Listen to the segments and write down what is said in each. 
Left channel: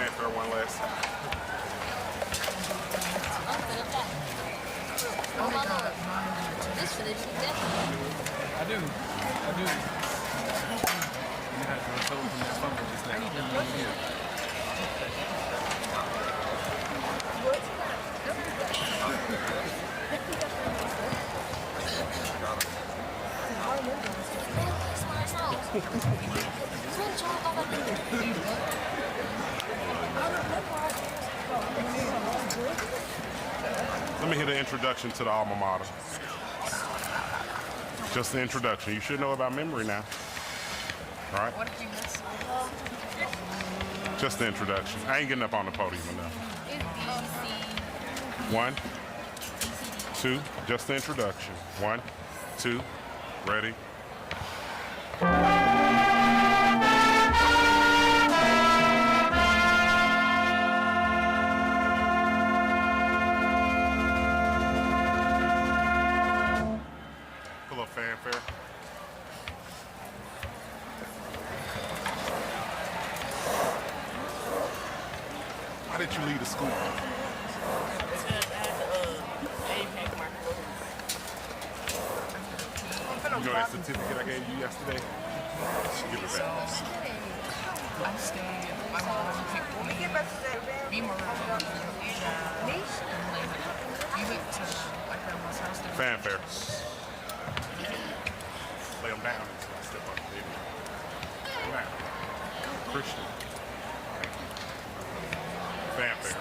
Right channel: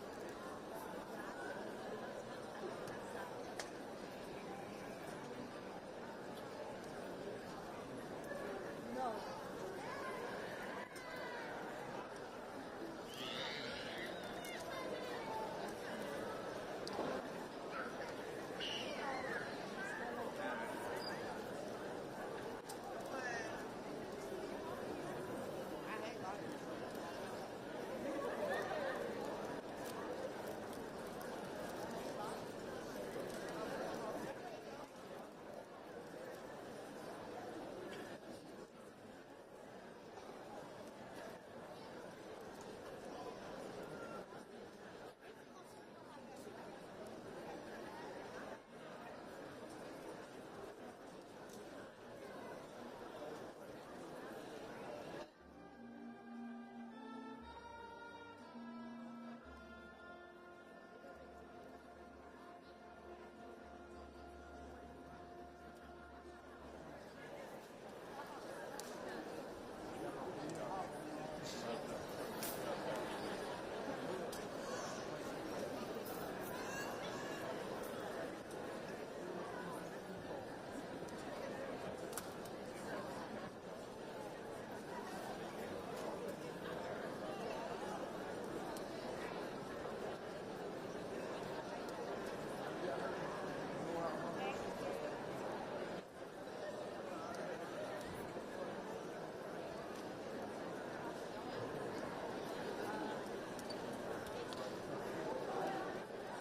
fanfare one last time. This for the chicken. I do. You have to recover from that fumble just now. Let me hear the introduction to the alma mater. Just the introduction. You should know about memory now. All right? What if you miss? Just the introduction. I ain't getting up on the podium enough. One, two, just the introduction. One, two, ready. Full of fanfare. Why did you leave the school? You know that certificate I gave you yesterday? Give it back. I stayed. My mom picked me. Be more around. We went to my grandma's house. Fanfare. Lay them down. Step up there. Lay them down. Christian. Fanfare.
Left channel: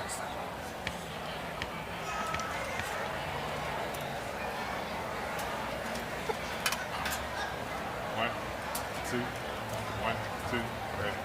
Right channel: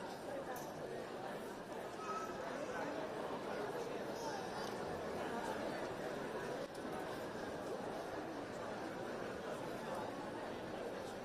One, two, ready.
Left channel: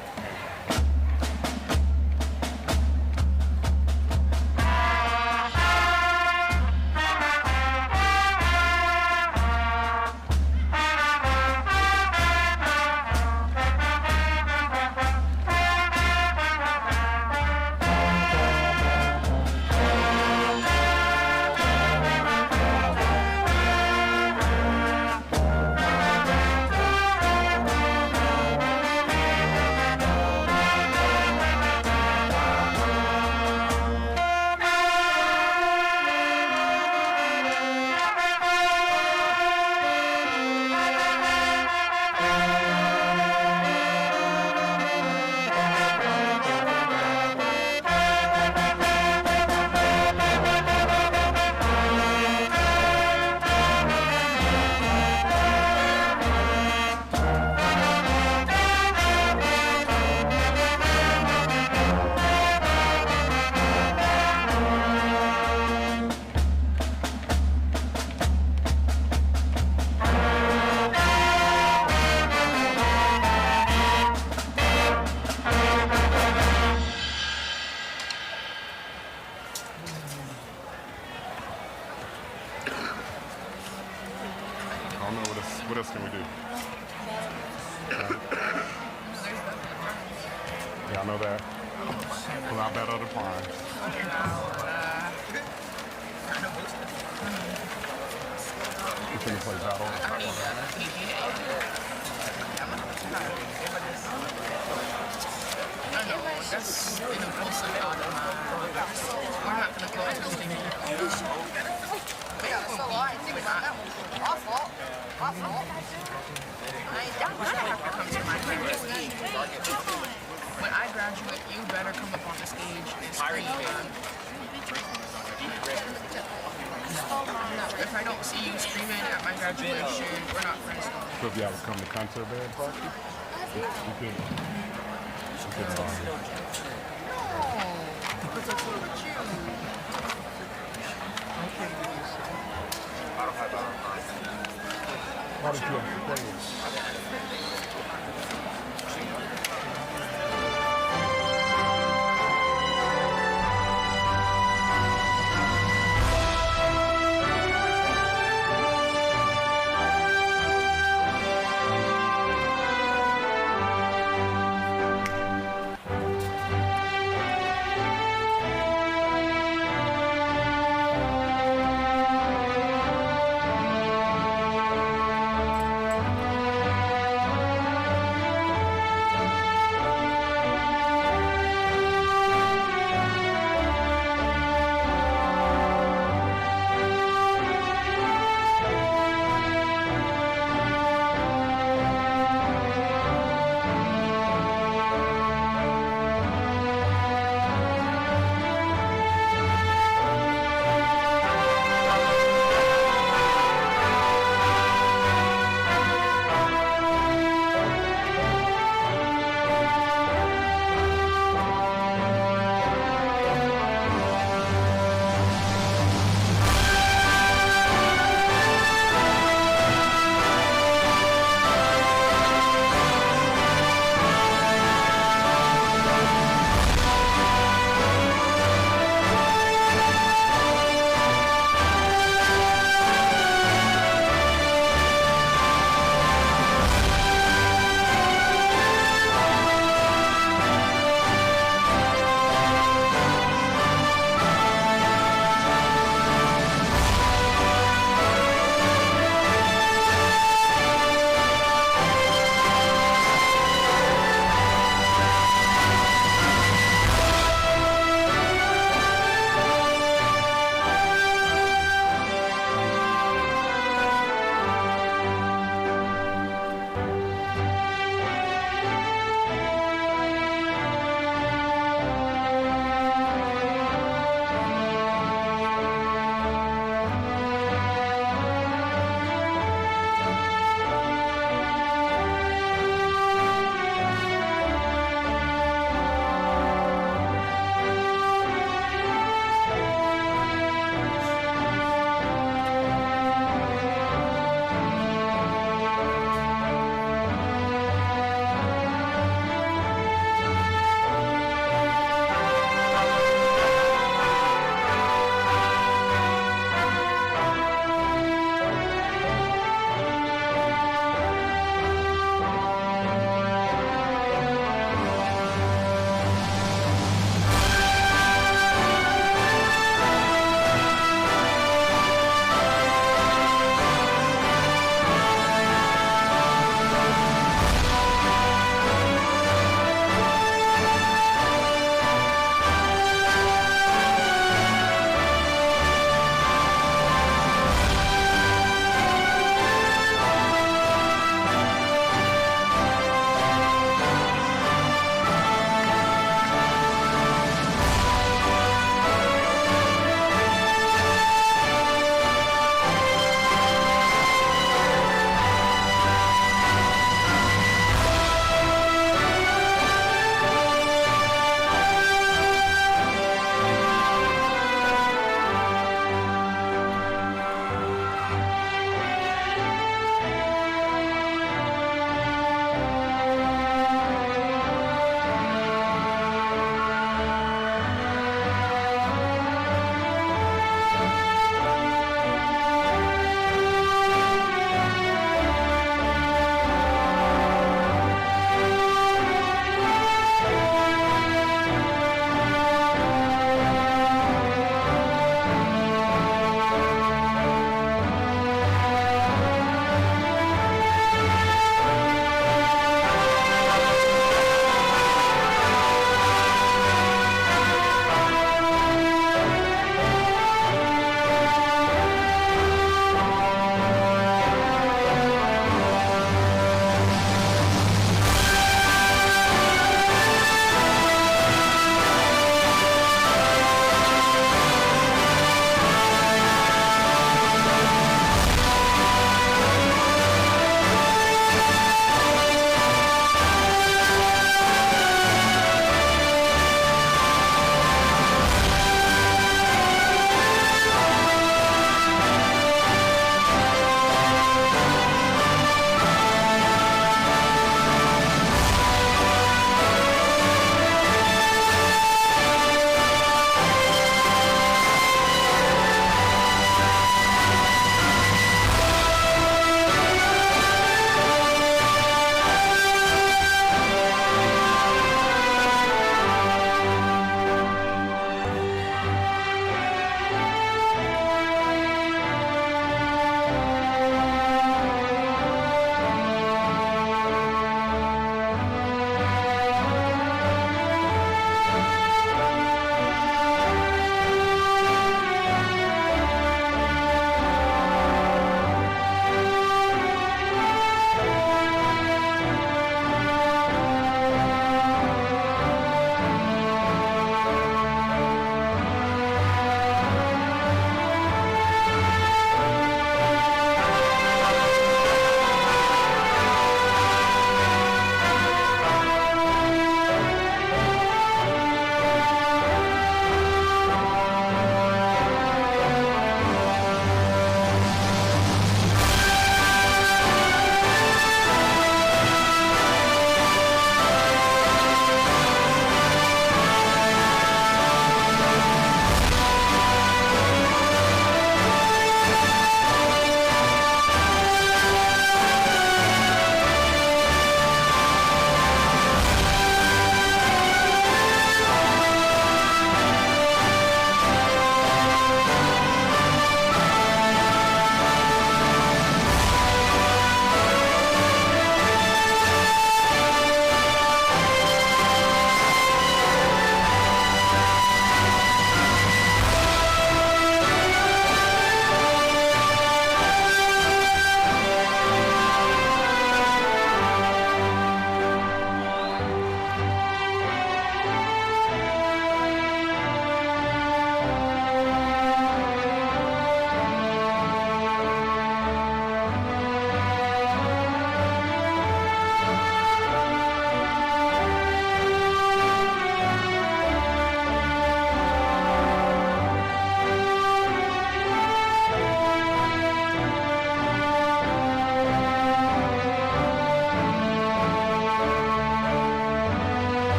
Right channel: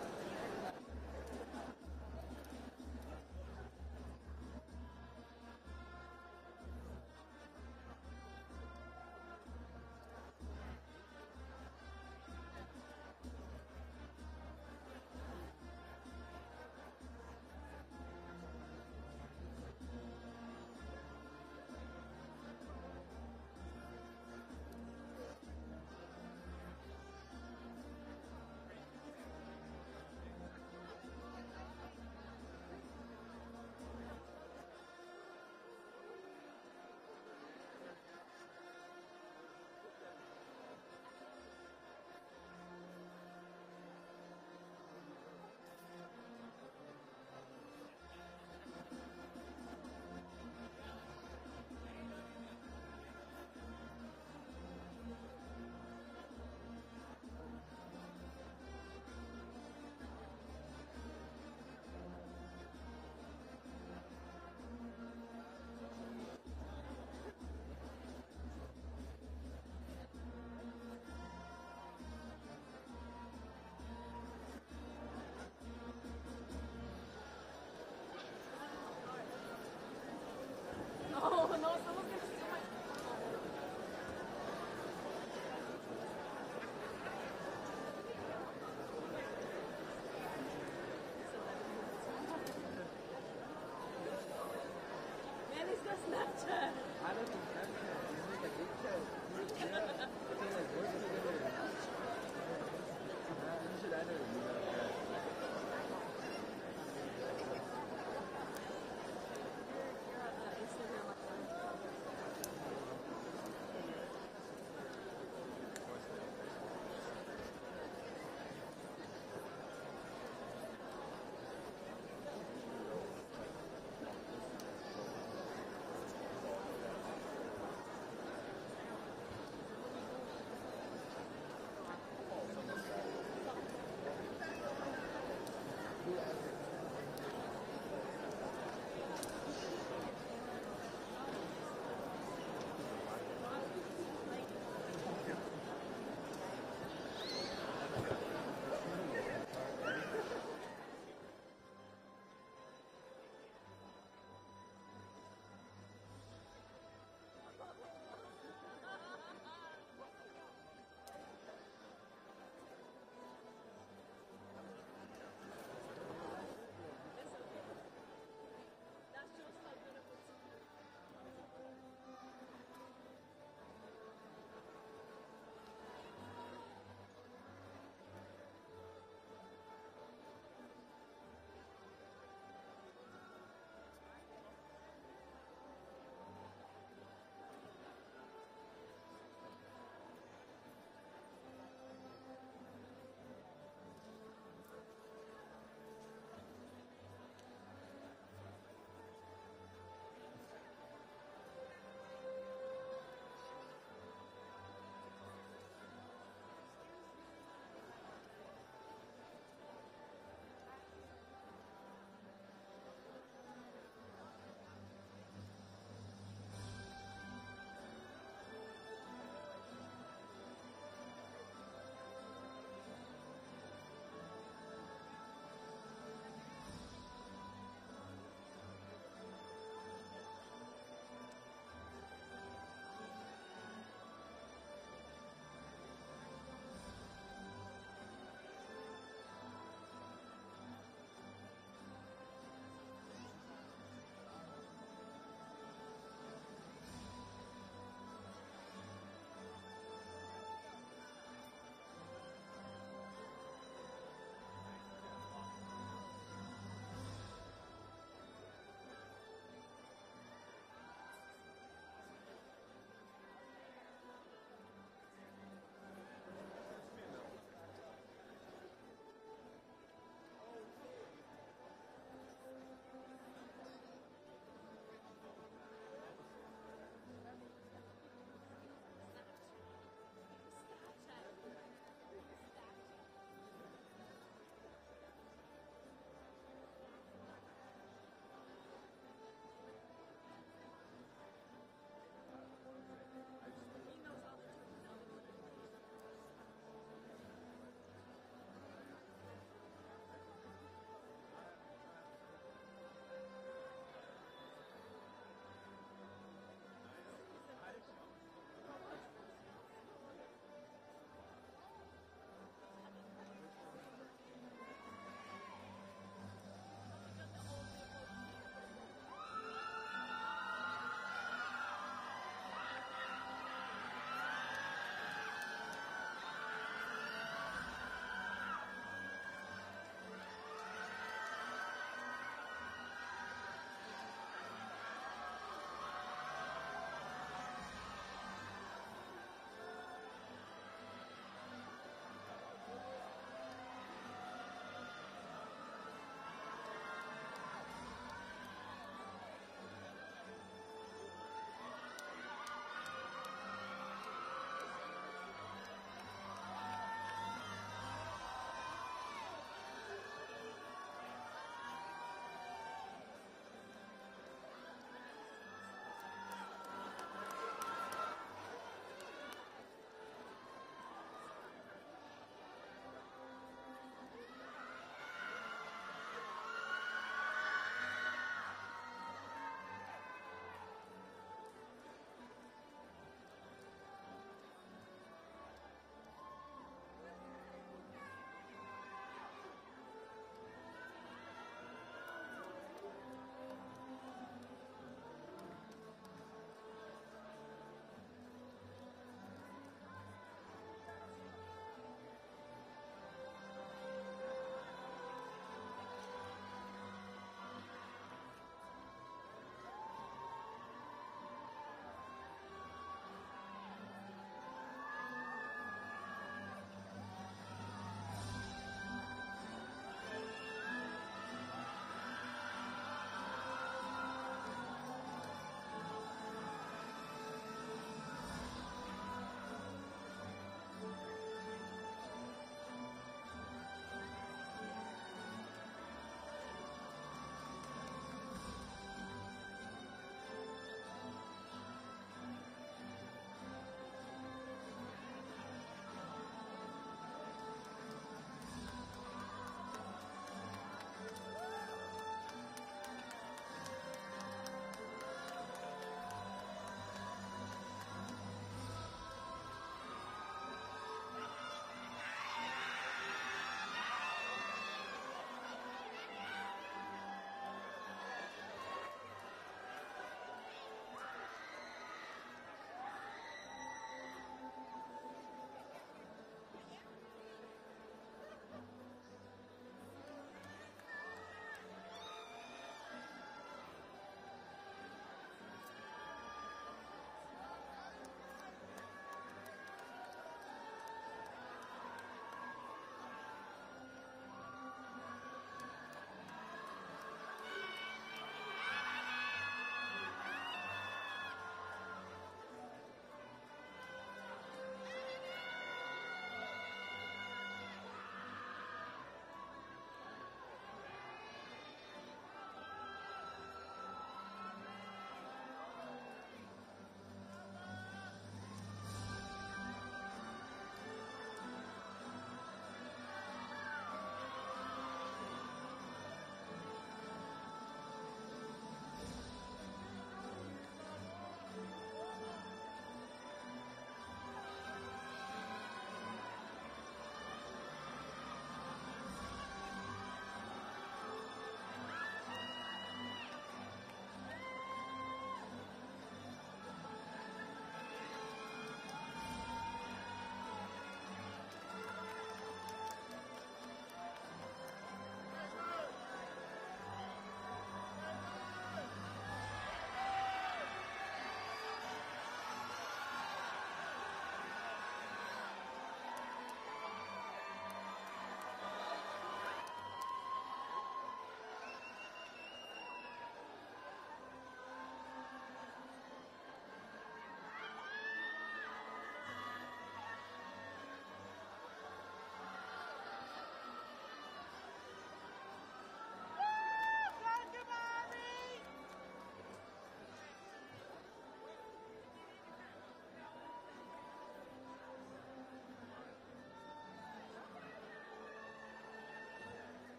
I don't know what else can we do? Yeah, I know that. Pull out that other prime. You finna play battle? I know, that's in the full circle of my. We're not gonna go into the Yeah, so I think about that one. My fault. I ain't down You're gonna have to come to my graduation. When I graduate, you better come up on the stage and scream. If I don't see you screaming at my graduation, we're not friends. So if y'all would come to concert band party, you could. Why did you have to play?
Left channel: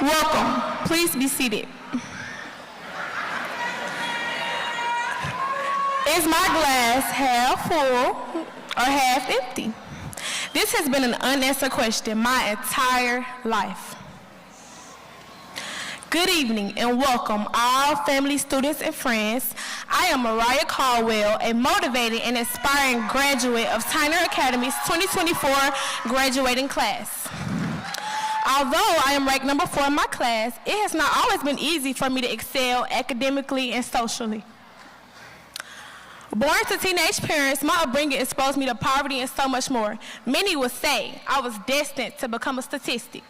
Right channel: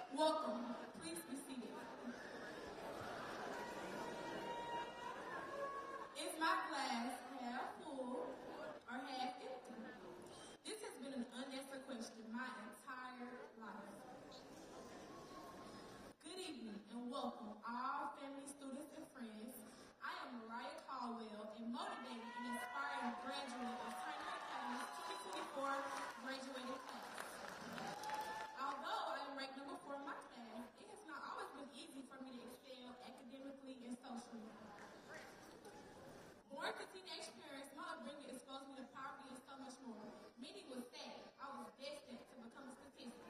Welcome. Please be seated. Is my glass half full or half empty? This has been an unanswered question my entire life. Good evening and welcome all family, students, and friends. I am Mariah Caldwell, a motivated and inspiring graduate of Tyner Academy's 2024 graduating class. Although I am ranked number 4 in my class, it has not always been easy for me to excel academically and socially. Born to teenage parents, my upbringing exposed me to poverty and so much more. Many would say I was destined to become a statistic.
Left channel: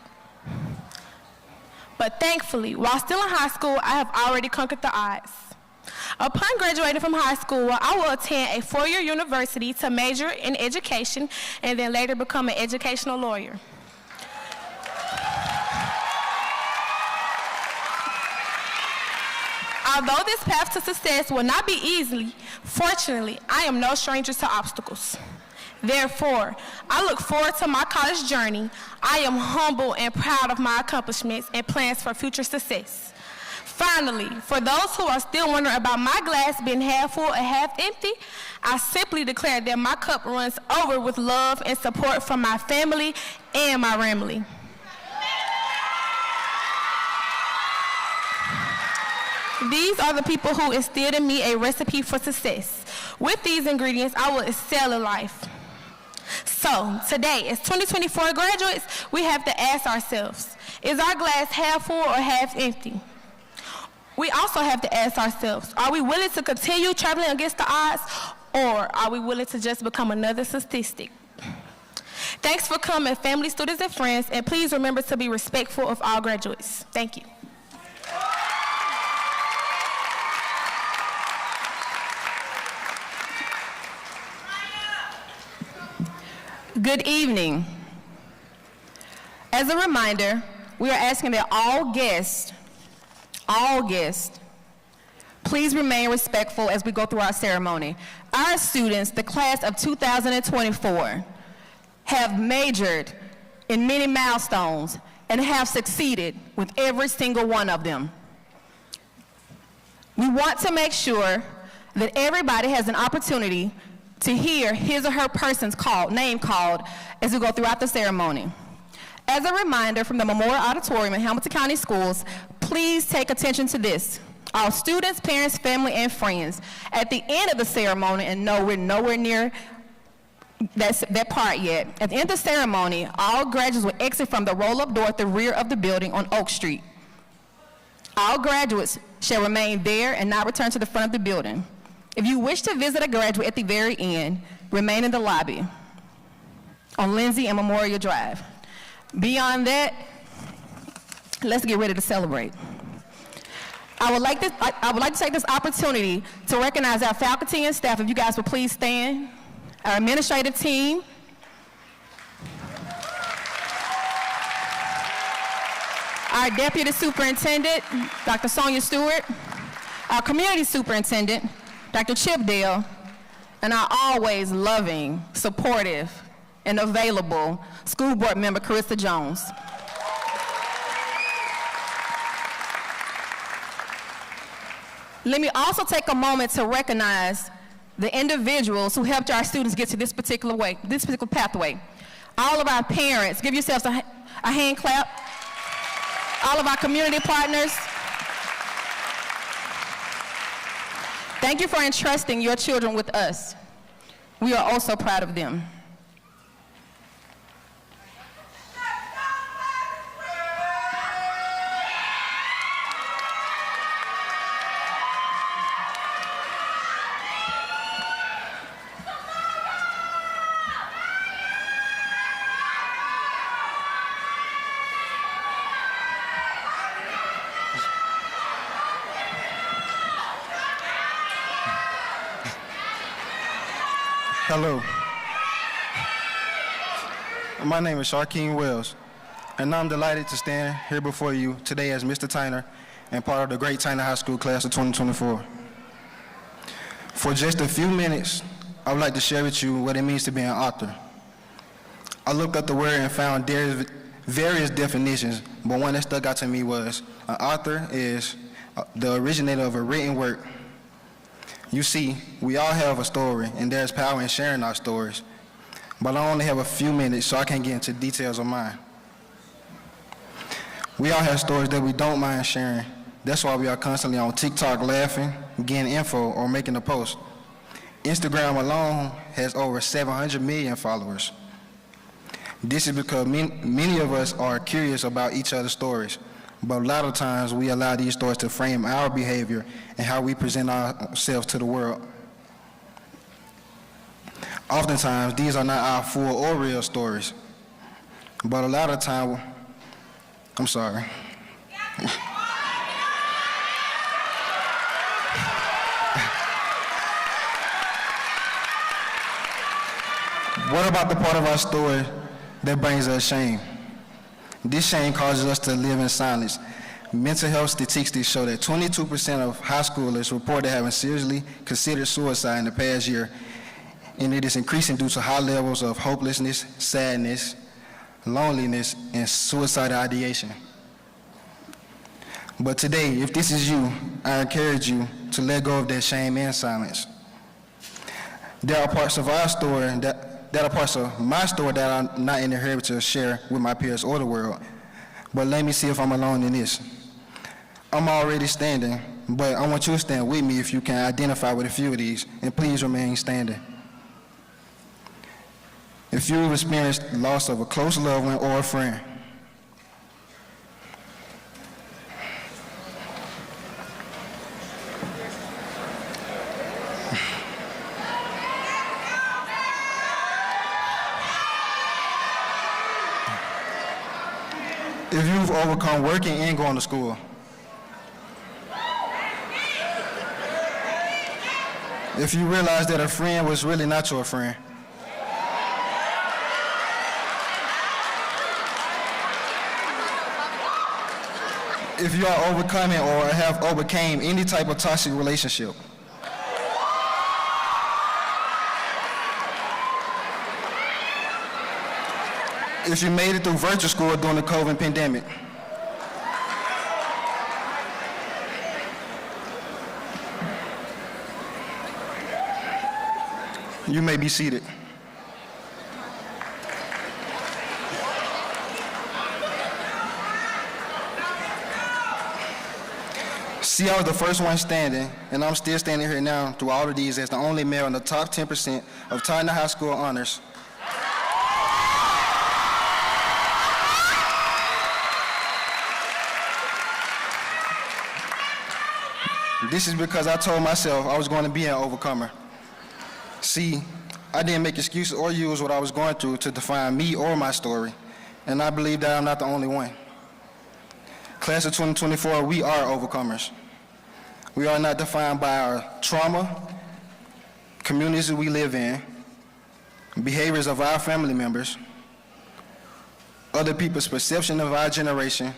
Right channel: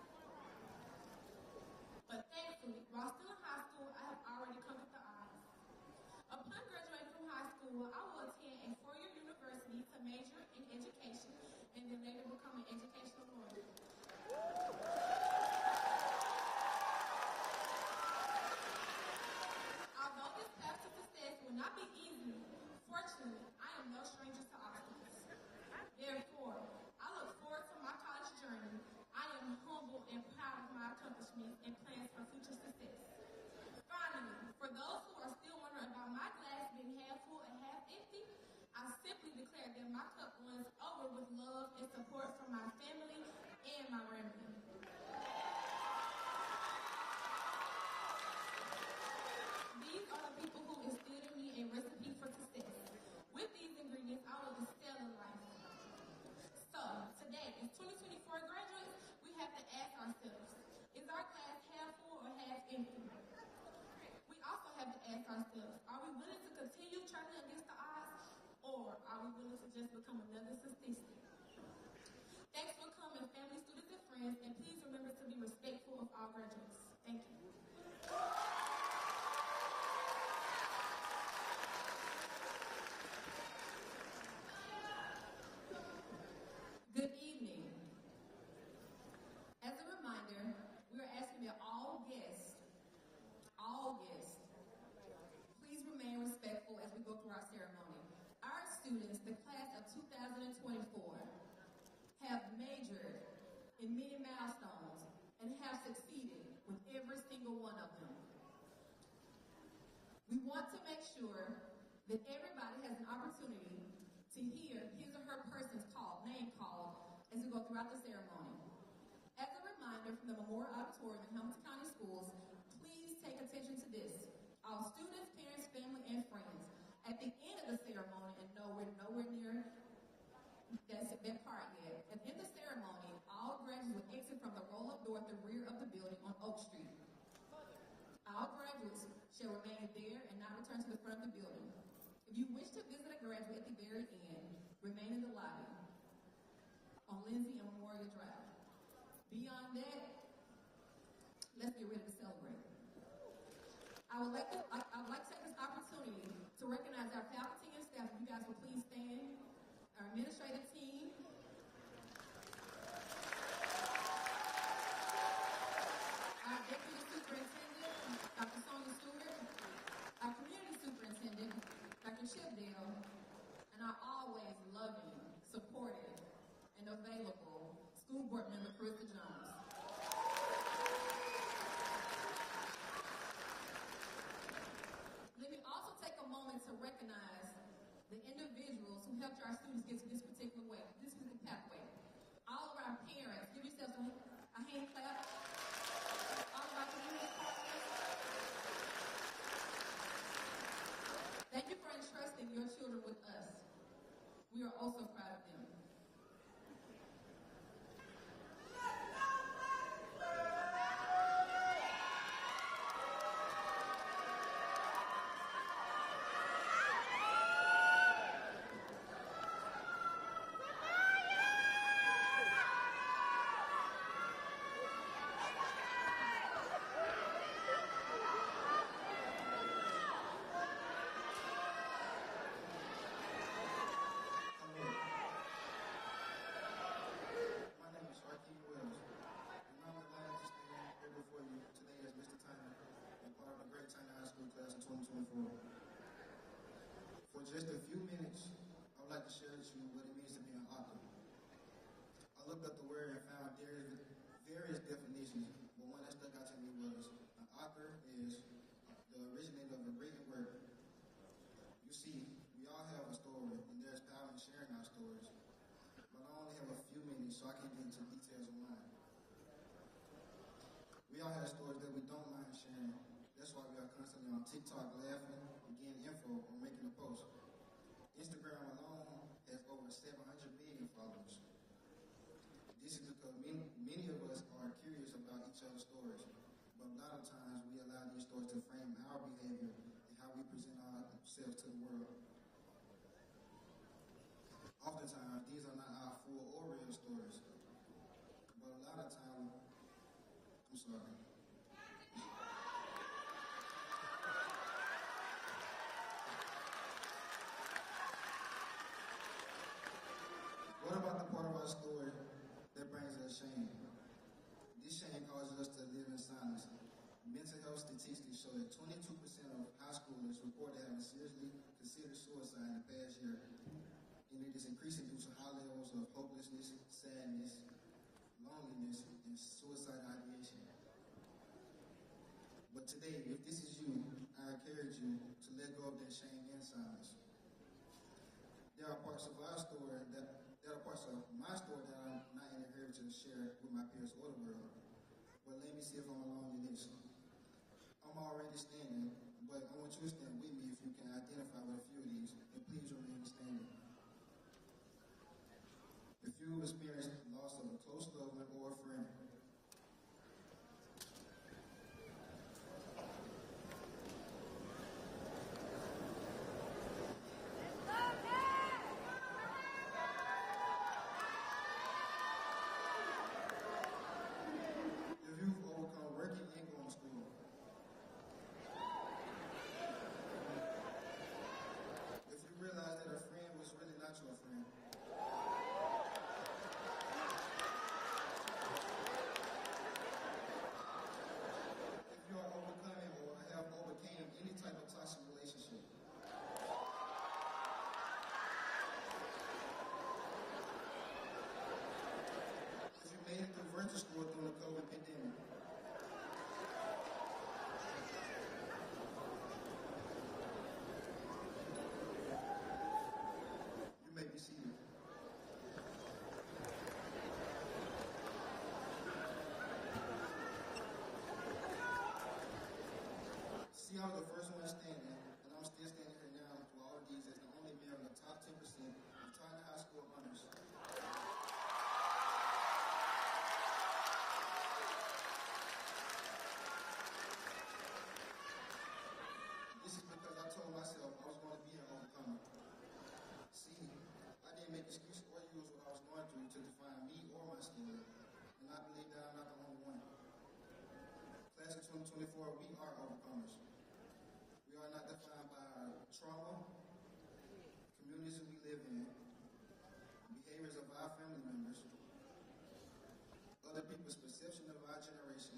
But thankfully, while still in high school, I have already conquered the odds. Upon graduating from high school, I will attend a 4-year university to major in education and then later become an educational lawyer. Although this path to success will not be easy, fortunately, I am no stranger to obstacles. Therefore, I look forward to my college journey. I am humble and proud of my accomplishments and plans for future success. Finally, for those who are still wondering about my glass being half full or half empty, I simply declare that my cup runs over with love and support from my family and my family. These are the people who instilled in me a recipe for success. With these ingredients, I will excel in life. So, today, as 2024 graduates, we have to ask ourselves, is our glass half full or half empty? We also have to ask ourselves, are we willing to continue traveling against the odds, or are we willing to just become another statistic? Thanks for coming, family, students, and friends, and please remember to be respectful of all graduates. Thank you. Good evening. As a reminder, we are asking that all guests, please remain respectful as we go through our ceremony. Our students, the class of 2024, have majored in many milestones and have succeeded with every single one of them. We want to make sure that everybody has an opportunity to hear his or her person's name called as we go throughout the ceremony. As a reminder from the Memorial Auditorium in Hamilton County Schools, please take attention to this. All students, parents, family, and friends, at the end of the ceremony, and no, we're nowhere near that part yet. At the end of the ceremony, all graduates will exit from the roll-up door at the rear of the building on Oak Street. All graduates shall remain there and not return to the front of the building. If you wish to visit a graduate at the very end, remain in the lobby on Lindsay and Memorial Drive. Beyond that, let's get ready to celebrate. I would like to take this opportunity to recognize our faculty and staff. If you guys would please stand. Our administrative team. Our Deputy Superintendent, Dr. Sonia Stewart. Our Community Superintendent, Dr. Chip Dale, and our always loving, supportive, and available school board member, Carissa Jones. Let me also take a moment to recognize the individuals who helped our students get to this particular pathway. All of our parents, give yourselves a hand clap. All of our community partners. Thank you for entrusting your children with us. We are also proud of them. Hello. My name is Sharkeem Wells, and I'm delighted to stand here before you today as Mr. Tyner and part of the great Tyner High School class of 2024. For just a few minutes, I would like to share with you what it means to be an author. I looked up the word and found various definitions but one that stuck out to me was an author is the originator of a written work. You see, we all have a story, and there's power in sharing our stories. But I only have a few minutes, so I can't get into details of mine. We all have stories that we don't mind sharing. That's why we are constantly on TikTok laughing, getting info, or making a post. Instagram alone has over 700 million followers. This is because many of us are curious about each other's stories, but a lot of times we allow these stories to frame our behavior and how we present ourselves to the world. Oftentimes, these are not our full or real stories, but a lot of time, I'm sorry. What about the part of our story that brings us shame? This shame causes us to live in silence. Mental health statistics show that 22% of high schoolers reported having seriously considered suicide in the past year, and it is increasing due to high levels of hopelessness, sadness, loneliness, and suicidal ideation. But today, if this is you, I encourage you to let go of that shame and silence. There are parts of our story that are parts of my story that I'm not in the habit to share with my peers or the world. But let me see if I'm alone in this. I'm already standing, but I want you to stand with me if you can identify with a few of these, and please remain standing. If you've experienced loss of a close loved one or a friend, if you've overcome working and going to school, if you realize that a friend was really not your friend, if you are overcoming or have overcame any type of toxic relationship, if you made it through virtual school during the COVID pandemic, you may be seated. See, I was the first one standing, and I'm still standing here now through all of these as the only male in the top 10% of Tyner High School honors. This is because I told myself I was going to be an overcomer. See, I didn't make excuses or use what I was going through to define me or my story, and I believe that I'm not the only one. Class of 2024, we are overcomers. We are not defined by our trauma, communities we live in, behaviors of our family members, other people's perception of our generation,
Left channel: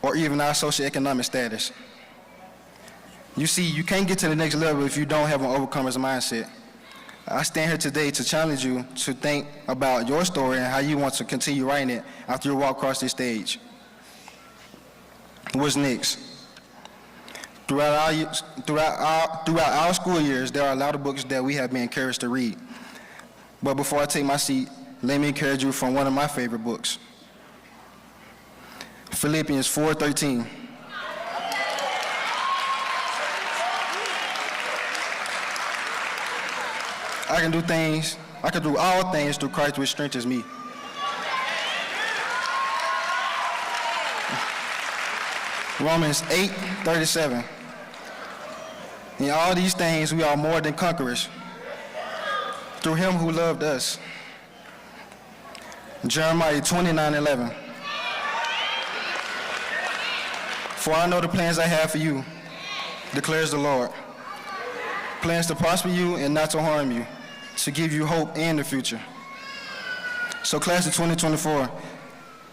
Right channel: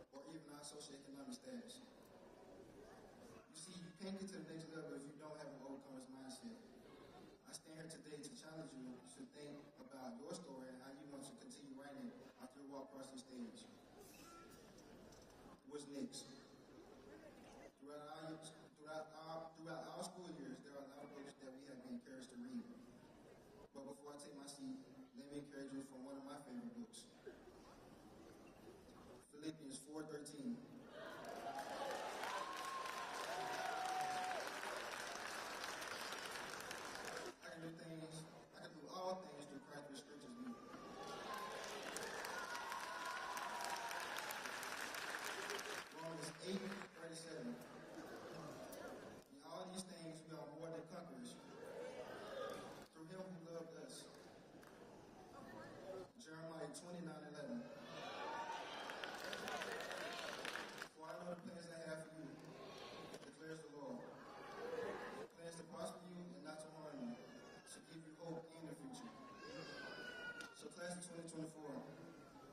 or even our socioeconomic status. You see, you can't get to the next level if you don't have an overcomer's mindset. I stand here today to challenge you to think about your story and how you want to continue writing it after you walk across this stage. What's next? Throughout our school years, there are a lot of books that we have been encouraged to read. But before I take my seat, let me encourage you from one of my favorite books, Philippians 4:13. I can do all things through Christ which strengthens me. Romans 8:37. In all these things we are more than conquerors through him who loved us. Jeremiah 29:11. For I know the plans I have for you, declares the Lord. Plans to prosper you and not to harm you, to give you hope in the future. So class of 2024,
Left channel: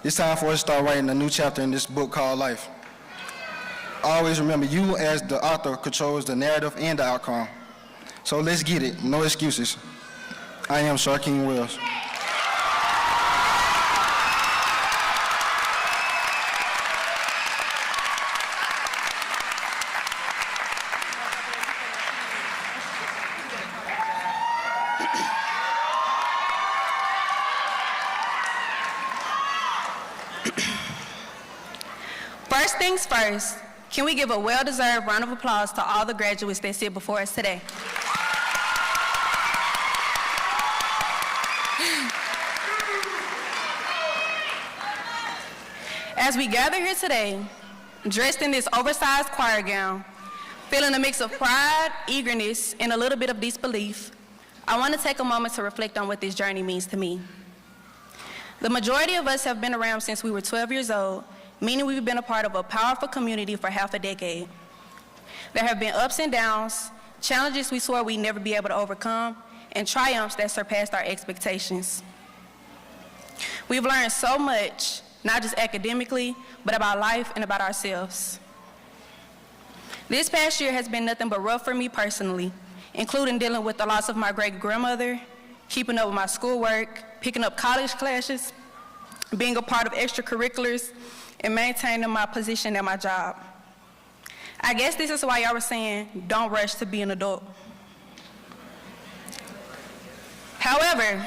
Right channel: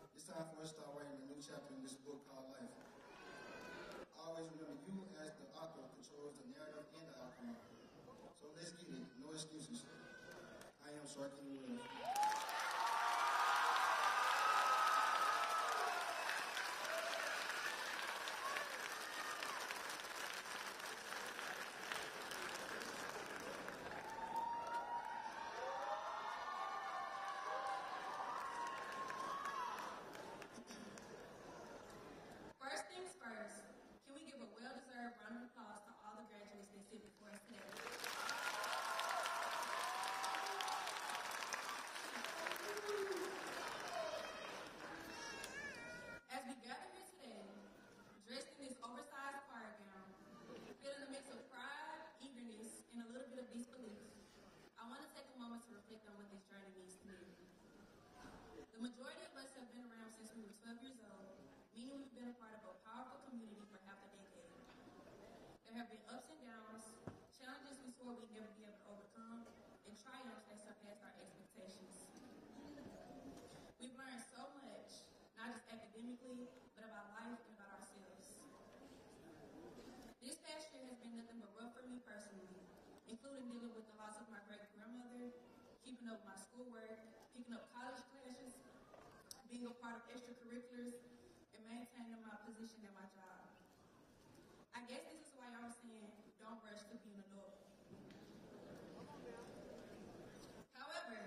it's time for us to start writing a new chapter in this book called life. Always remember, you as the author controls the narrative and the outcome. So let's get it, no excuses. I am Sharkeem Wells. First things first, can we give a well-deserved round of applause to all the graduates that sit before us today? As we gather here today, dressed in this oversized choir gown, feeling a mix of pride, eagerness, and a little bit of disbelief, I want to take a moment to reflect on what this journey means to me. The majority of us have been around since we were 12 years old, meaning we've been a part of a powerful community for half a decade. There have been ups and downs, challenges we swore we'd never be able to overcome, and triumphs that surpassed our expectations. We've learned so much, not just academically, but about life and about ourselves. This past year has been nothing but rough for me personally, including dealing with the loss of my great-grandmother, keeping up with my schoolwork, picking up college classes, being a part of extracurriculars, and maintaining my position at my job. I guess this is why y'all were saying, don't rush to be an adult. However,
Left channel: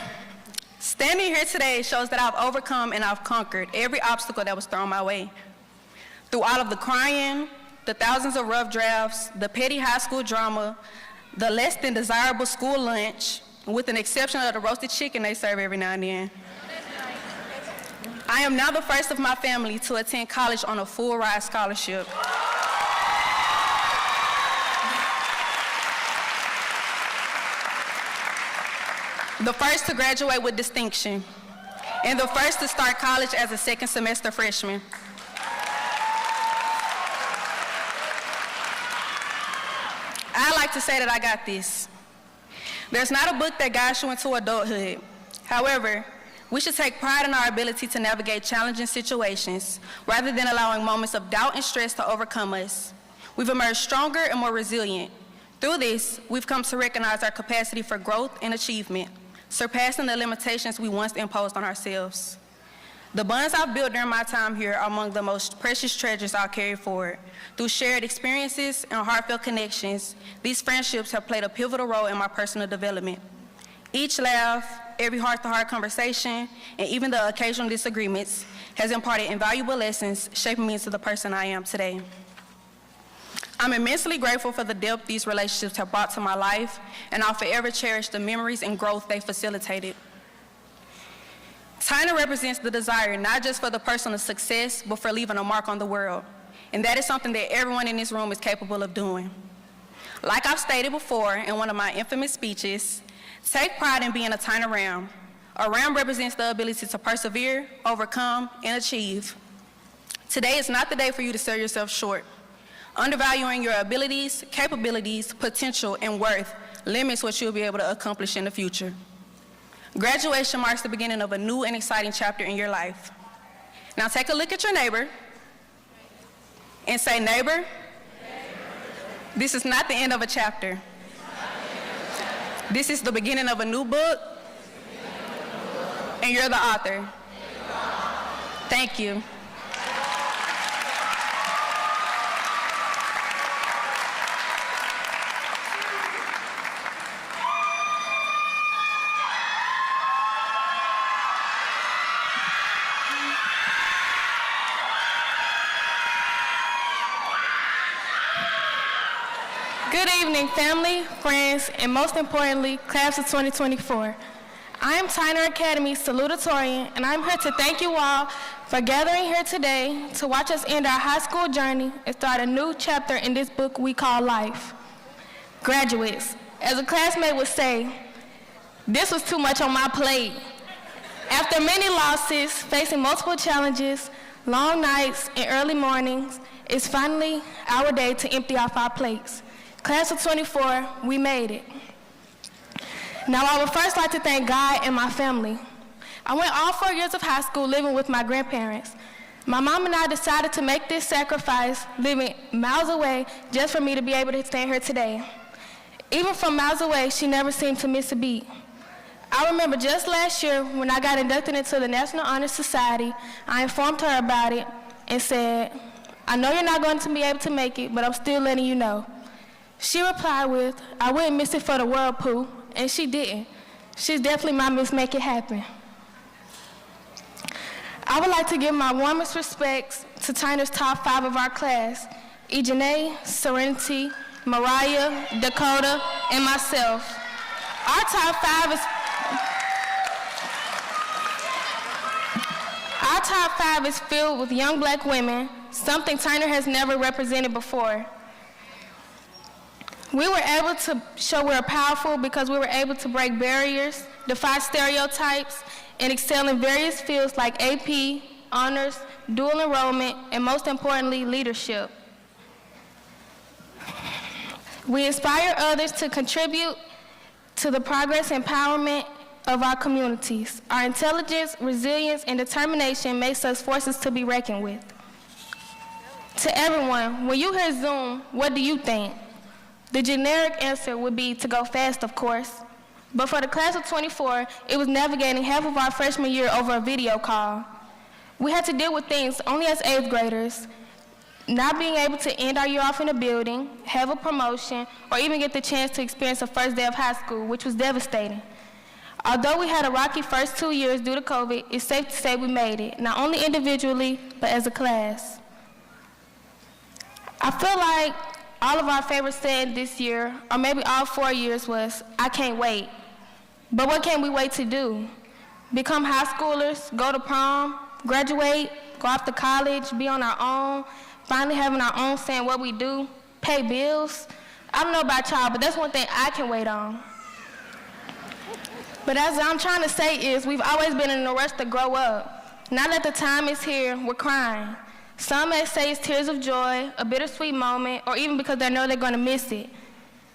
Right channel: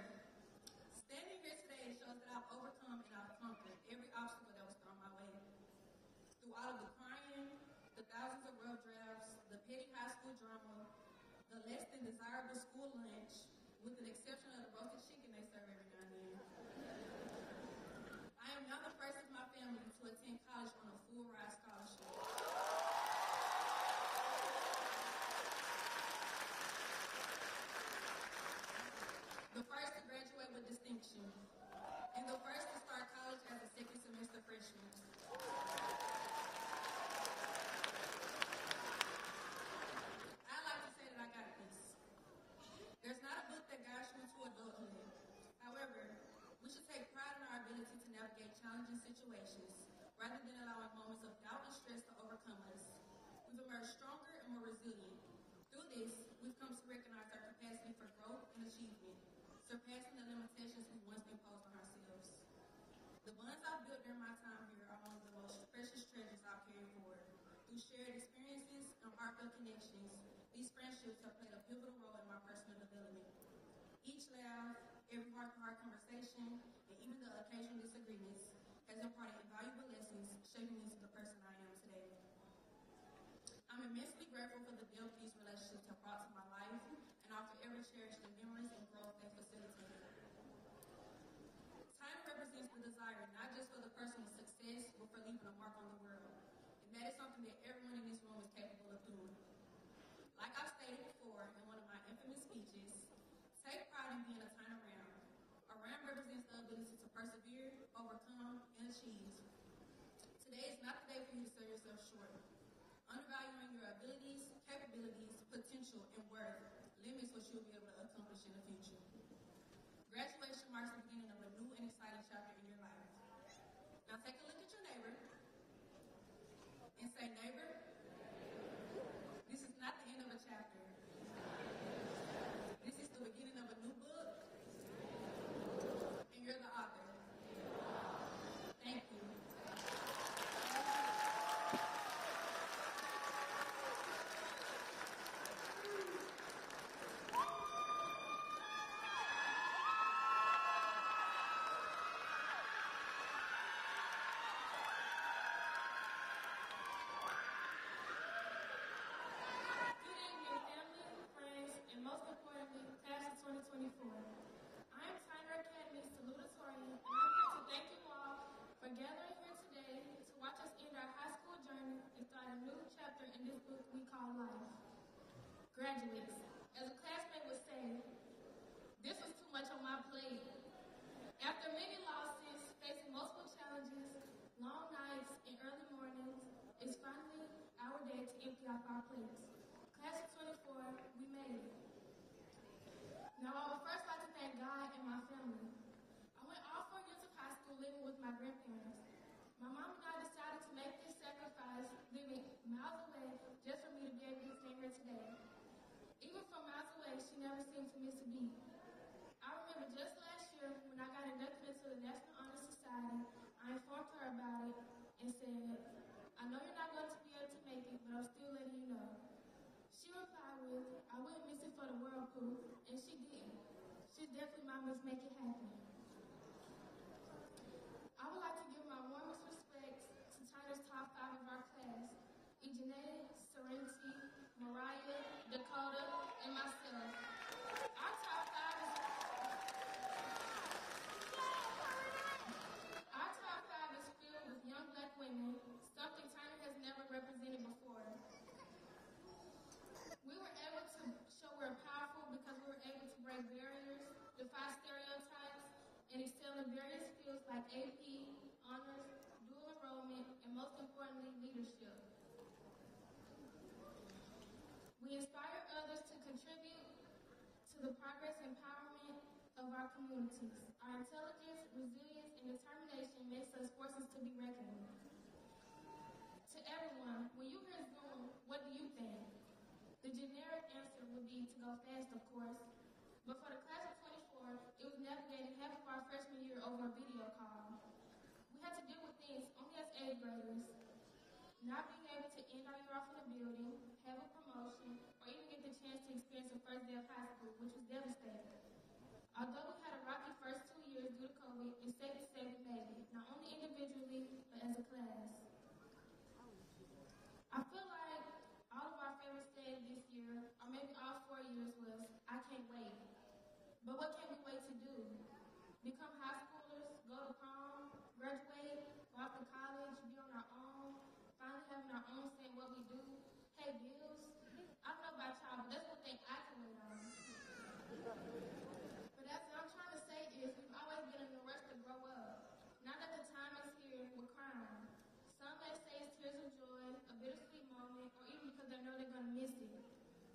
standing here today shows that I've overcome and I've conquered every obstacle that was thrown my way. Through all of the crying, the thousands of rough drafts, the petty high school drama, the less than desirable school lunch, with an exception of the roasted chicken they serve every now and then. I am now the first of my family to attend college on a full-ride scholarship. The first to graduate with distinction, and the first to start college as a second semester freshman. I like to say that I got this. There's not a book that guides you into adulthood. However, we should take pride in our ability to navigate challenging situations rather than allowing moments of doubt and stress to overcome us. We've emerged stronger and more resilient. Through this, we've come to recognize our capacity for growth and achievement, surpassing the limitations we once imposed on ourselves. The bonds I've built during my time here are among the most precious treasures I'll carry forward. Through shared experiences and heartfelt connections, these friendships have played a pivotal role in my personal development. Each laugh, every heart-to-heart conversation, and even the occasional disagreements has imparted invaluable lessons, shaping me into the person I am today. I'm immensely grateful for the depth these relationships have brought to my life, and I'll forever cherish the memories and growth they facilitated. Tyner represents the desire not just for the personal success, but for leaving a mark on the world. And that is something that everyone in this room is capable of doing. Like I've stated before in one of my infamous speeches, take pride in being a Tyner Ram. A Ram represents the ability to persevere, overcome, and achieve. Today is not the day for you to sell yourself short. Undervaluing your abilities, capabilities, potential, and worth limits what you'll be able to accomplish in the future. Graduation marks the beginning of a new and exciting chapter in your life. Now take a look at your neighbor and say, neighbor, this is not the end of a chapter. This is the beginning of a new book, and you're the author. Thank you. Good evening, family, friends, and most importantly, class of 2024. I am Tyner Academy's salutatorian, and I'm here to thank you all for gathering here today to watch us end our high school journey and start a new chapter in this book we call life. Graduates, as a classmate would say, this was too much on my plate. After many losses, facing multiple challenges, long nights, and early mornings, it's finally our day to empty off our plates. Class of 24, we made it. Now, I would first like to thank God and my family. I went all 4 years of high school living with my grandparents. My mom and I decided to make this sacrifice, living miles away, just for me to be able to stand here today. Even from miles away, she never seemed to miss a beat. I remember just last year when I got inducted into the National Honor Society, I informed her about it and said, I know you're not going to be able to make it, but I'm still letting you know. She replied with, I wouldn't miss it for the world, Pooh, and she didn't. She's definitely my Miss Make It Happen. I would like to give my warmest respects to Tyner's top 5 of our class, Ejanae, Serenity, Mariah, Dakota, and myself. Our top 5 is filled with young black women, something Tyner has never represented before. We were able to show we're powerful because we were able to break barriers, defy stereotypes, and excel in various fields like AP, honors, dual enrollment, and most importantly, leadership. We inspire others to contribute to the progress and empowerment of our communities. Our intelligence, resilience, and determination makes us forces to be reckoned with. To everyone, when you hear Zoom, what do you think? The generic answer would be to go fast, of course. But for the class of 24, it was navigating half of our freshman year over a video call. We had to deal with things only as 8th graders, not being able to end our year off in a building, have a promotion, or even get the chance to experience the first day of high school, which was devastating. Although we had a rocky first 2 years due to COVID, it's safe to say we made it, not only individually, but as a class. I feel like all of our favorite saying this year, or maybe all 4 years, was, "I can't wait." But what can we wait to do? Become high schoolers, go to prom, graduate, go off to college, be on our own, finally having our own say in what we do, pay bills? I don't know about y'all, but that's one thing I can wait on. But as I'm trying to say is, we've always been in a rush to grow up. Now that the time is here, we're crying. Some may say it's tears of joy, a bittersweet moment, or even because they know they're gonna miss it.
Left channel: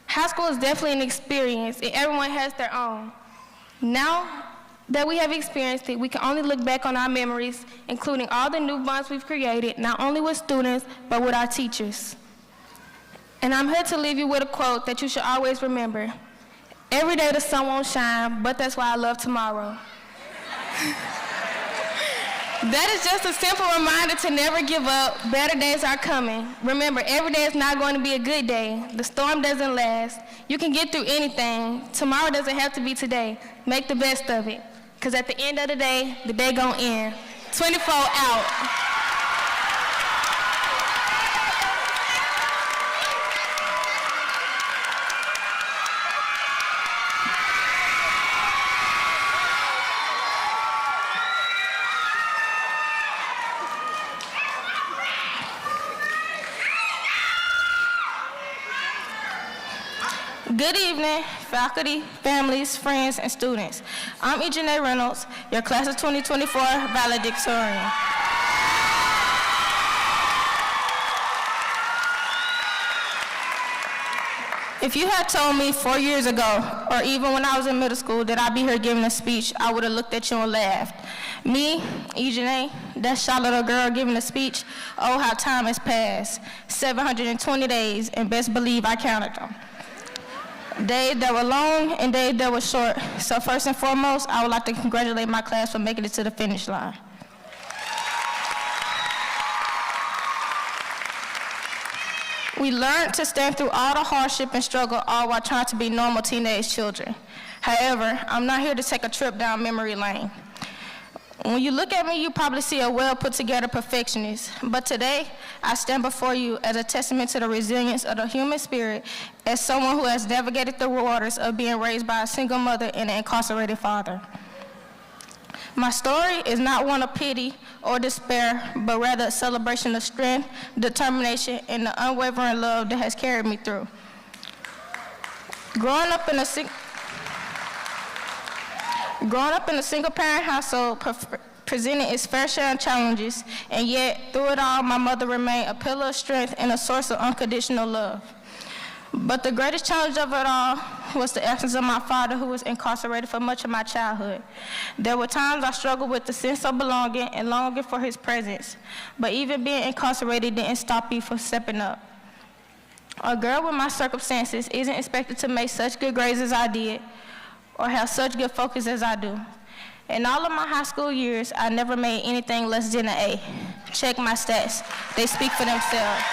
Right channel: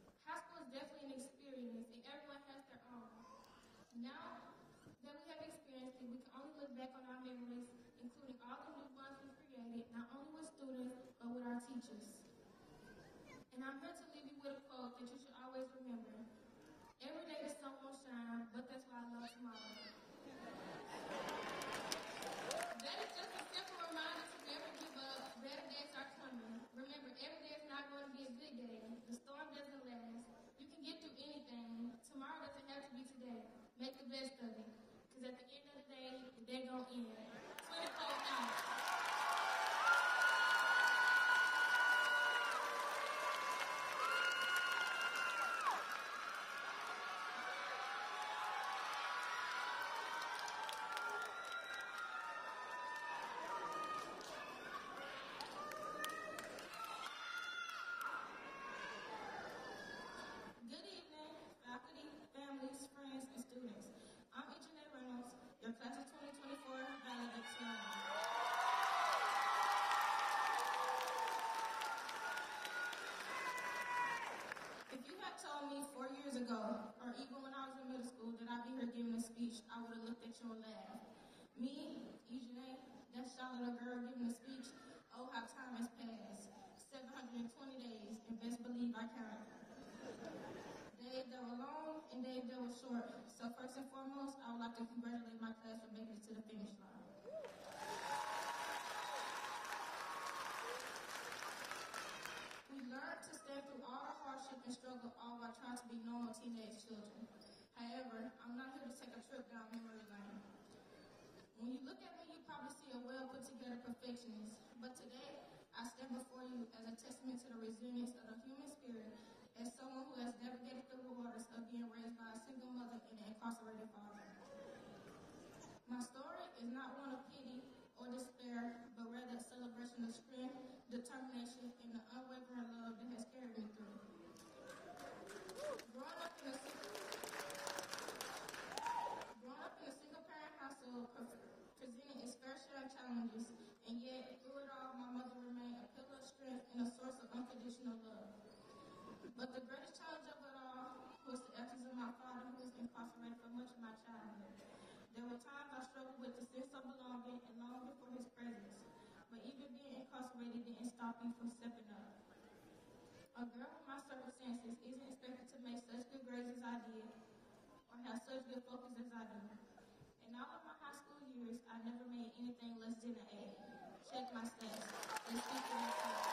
High school is definitely an experience, and everyone has their own. Now that we have experienced it, we can only look back on our memories, including all the new bonds we've created, not only with students, but with our teachers. And I'm here to leave you with a quote that you should always remember. Every day the sun won't shine, but that's why I love tomorrow. That is just a simple reminder to never give up. Better days are coming. Remember, every day is not going to be a good day. The storm doesn't last. You can get through anything. Tomorrow doesn't have to be today. Make the best of it. Because at the end of the day gonna end. 24 out. Good evening, faculty, families, friends, and students. I'm Ejanae Reynolds, your class of 2024 valedictorian. If you had told me 4 years ago, or even when I was in middle school, that I'd be here giving a speech, I would have looked at you and laughed. Me, Ejanae, that shy little girl giving a speech, oh, how time has passed. 720 days, and best believe I counted them. Days that were long and days that were short. So first and foremost, I would like to congratulate my class for making it to the finish line. We learned to stand through all the hardship and struggle, all while trying to be normal teenage children. However, I'm not here to take a trip down memory lane. When you look at me, you probably see a well put together perfectionist. But today, I stand before you as a testament to the resilience of the human spirit, as someone who has navigated the waters of being raised by a single mother and an incarcerated father. My story is not one of pity or despair, but rather a celebration of strength, determination, and the unwavering love that has carried me through. Growing up in a single-parent household presented its fair share of challenges, and yet, through it all, my mother remained a pillar of strength and a source of unconditional love. But the greatest challenge of it all was the absence of my father, who was incarcerated for much of my childhood. There were times I struggled with the sense of belonging and longing for his presence, but even being incarcerated didn't stop me from stepping up. A girl with my circumstances isn't expected to make such good grades as I did, or have such good focus as I do. In all of my high school years, I never made anything less than an A. Check my stats. They speak for themselves.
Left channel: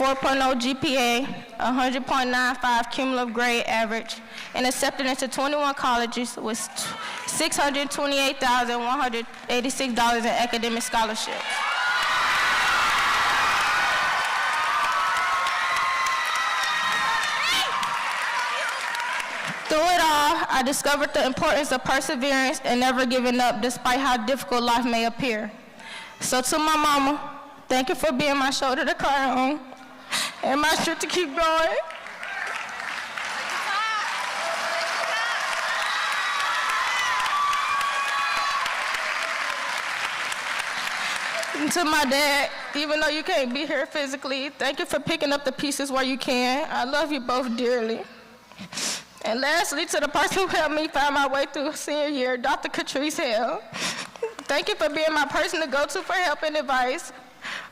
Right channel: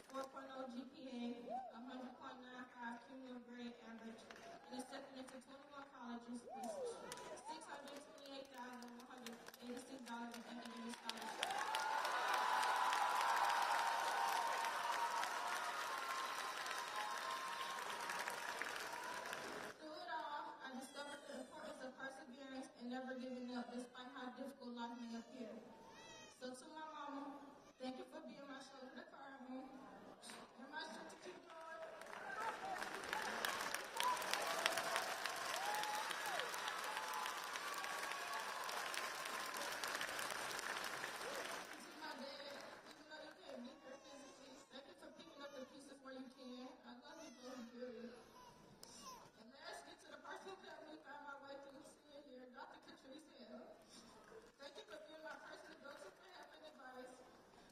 4.0 GPA, 100.95 cumulative grade average, and accepted into 21 colleges with $628,186 in academic scholarships. Through it all, I discovered the importance of perseverance and never giving up despite how difficult life may appear. So to my mama, thank you for being my shoulder to cry on and my strength to keep going. And to my dad, even though you can't be here physically, thank you for picking up the pieces where you can. I love you both dearly. And lastly, to the person who helped me find my way through senior year, Dr. Catrice Hale. Thank you for being my person to go to for help and advice,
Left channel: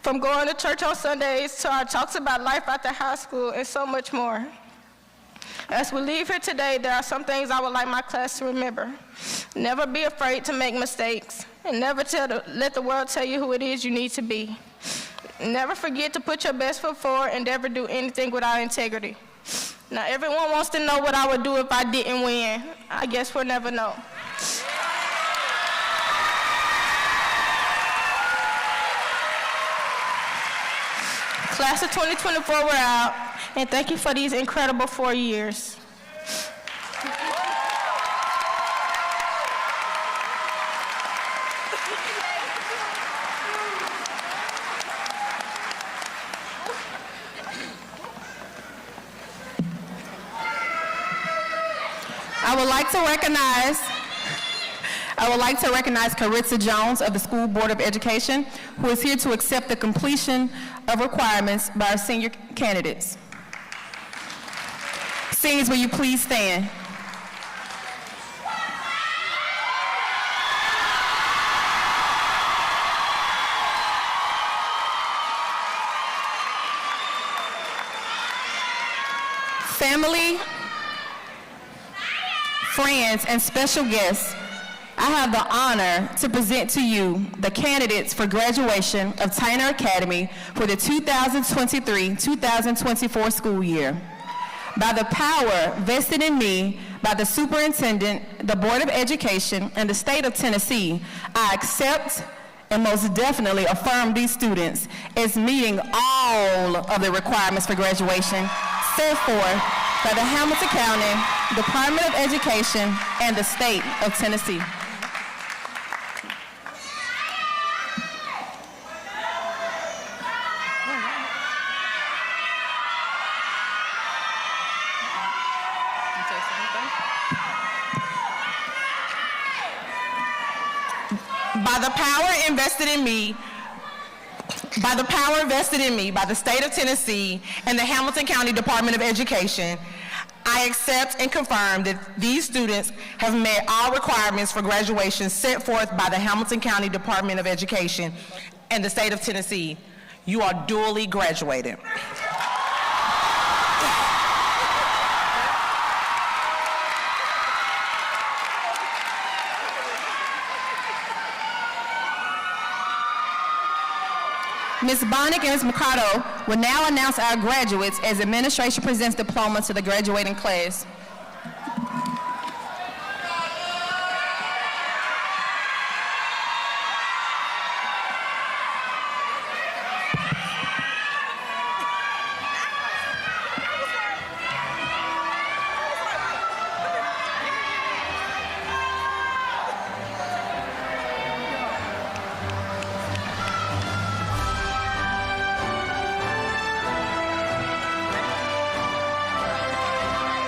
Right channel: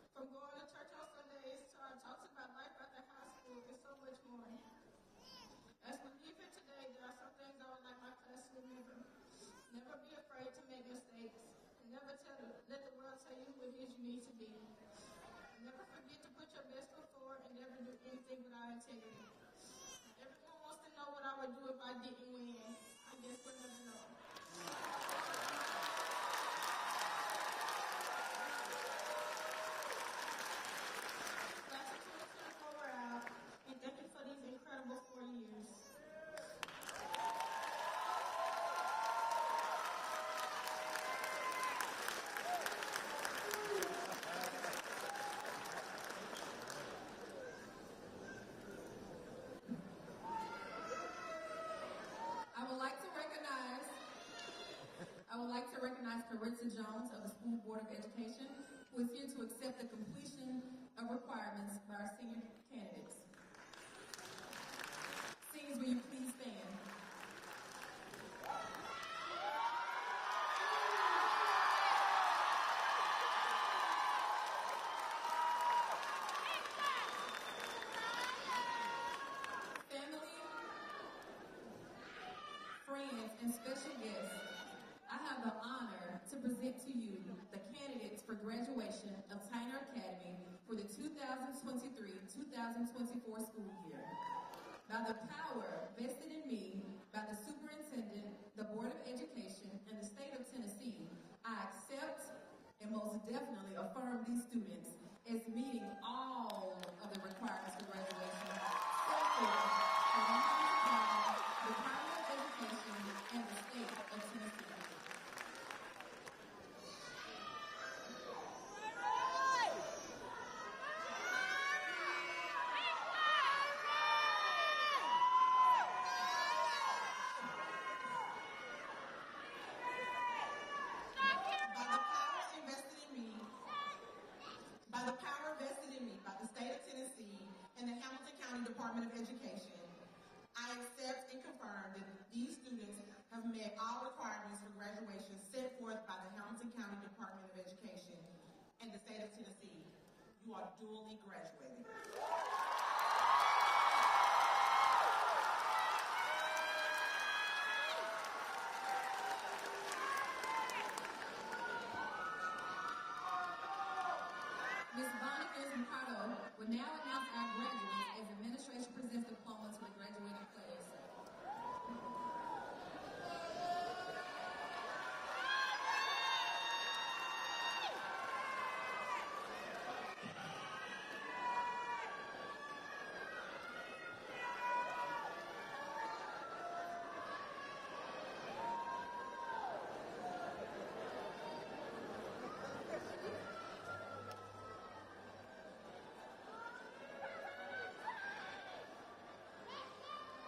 from going to church on Sundays to our talks about life after high school and so much more. As we leave here today, there are some things I would like my class to remember. Never be afraid to make mistakes, and never let the world tell you who it is you need to be. Never forget to put your best foot forward and never do anything without integrity. Now, everyone wants to know what I would do if I didn't win. I guess we'll never know. Class of 2024, we're out, and thank you for these incredible 4 years. I would like to recognize Caritza Jones of the School Board of Education, who is here to accept the completion of requirements by our senior candidates. Seniors, will you please stand? Family, friends, and special guests, I have the honor to present to you the candidates for graduation of Tyner Academy for the 2023-2024 school year. By the power vested in me by the superintendent, the Board of Education, and the state of Tennessee, I accept and most definitely affirm these students as meeting all of the requirements for graduation set forth by the Hamilton County Department of Education and the state of Tennessee. By the power vested in me by the state of Tennessee and the Hamilton County Department of Education, I accept and confirm that these students have met all requirements for graduation set forth by the Hamilton County Department of Education and the state of Tennessee. You are duly graduated. Ms. Bonnick and Ms. Mercado will now announce our graduates as administration presents diplomas to the graduating class.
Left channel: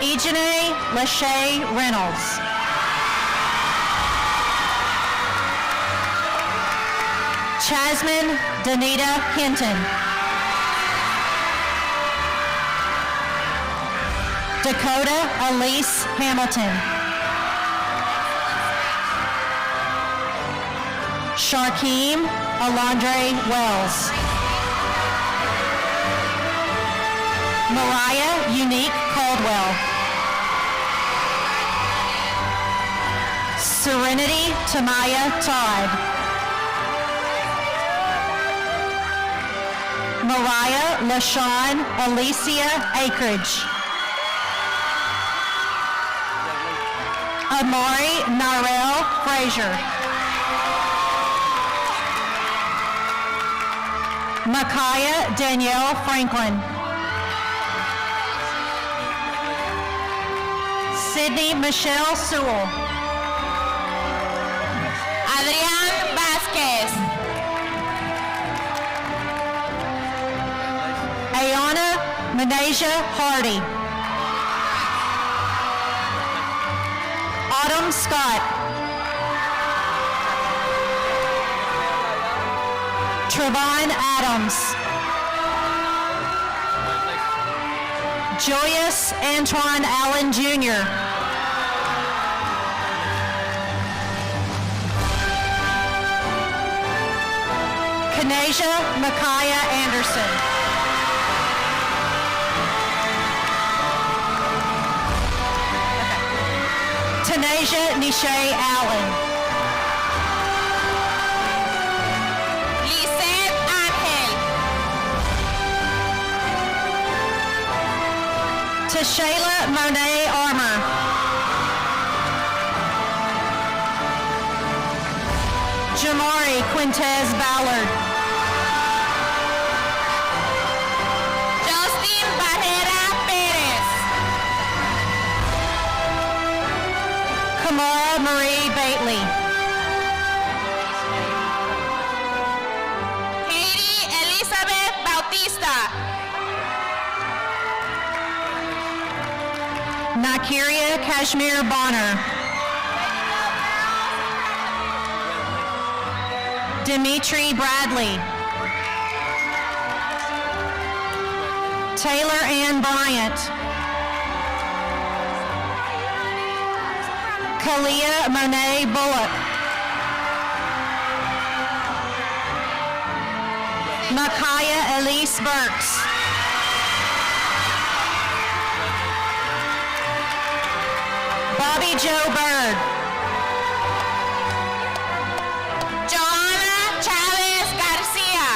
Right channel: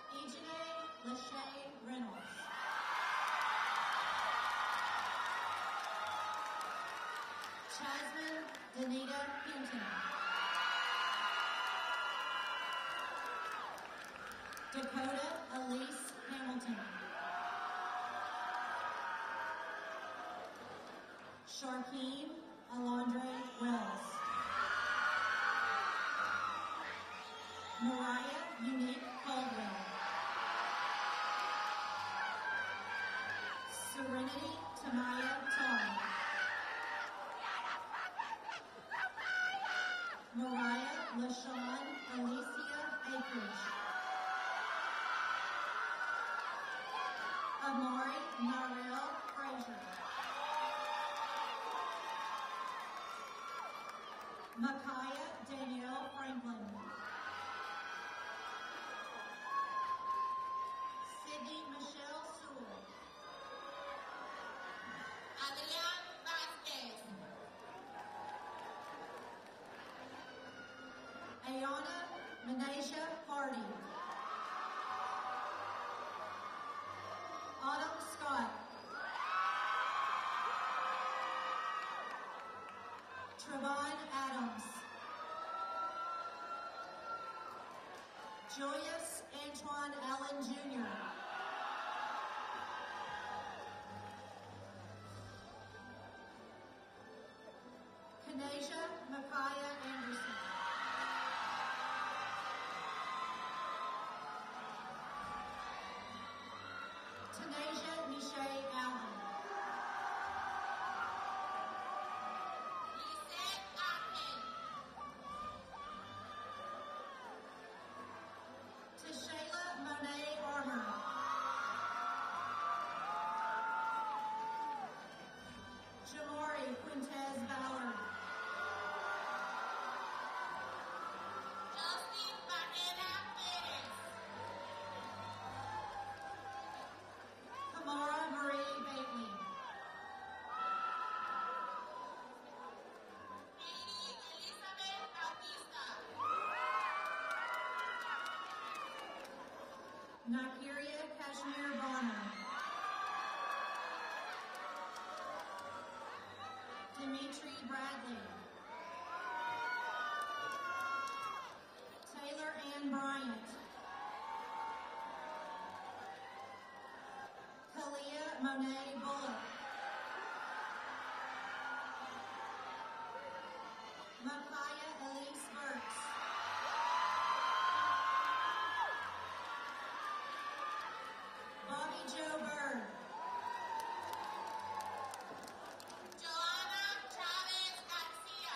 Ejanae Lachey Reynolds. Chasmin Danita Hinton. Dakota Elise Hamilton. Sharkeem Alondre Wells. Mariah Unique Caldwell. Serenity Tamaya Todd. Mariah LaShawn Alicia Akridge. Amari Narell Frazier. Micaiah Danielle Franklin. Sydney Michelle Sewell. Adrián Vázquez. Ayana Menasia Hardy. Autumn Scott. Trevon Adams. Joyous Antoine Allen Jr. Kanasia Micaiah Anderson. Tanasia Nishay Allen. Lisette Ángel. Tashayla Monet Armour. Jamari Quintez Ballard. Justin Barrera Pérez. Kamara Marie Bately. Katie Elizabeth Bautista. Nakiria Kashmir Bonner. Dimitri Bradley. Taylor Ann Bryant. Kalia Monet Bullock. Micaiah Elise Burks. Bobby Joe Bird. Joana Chávez García.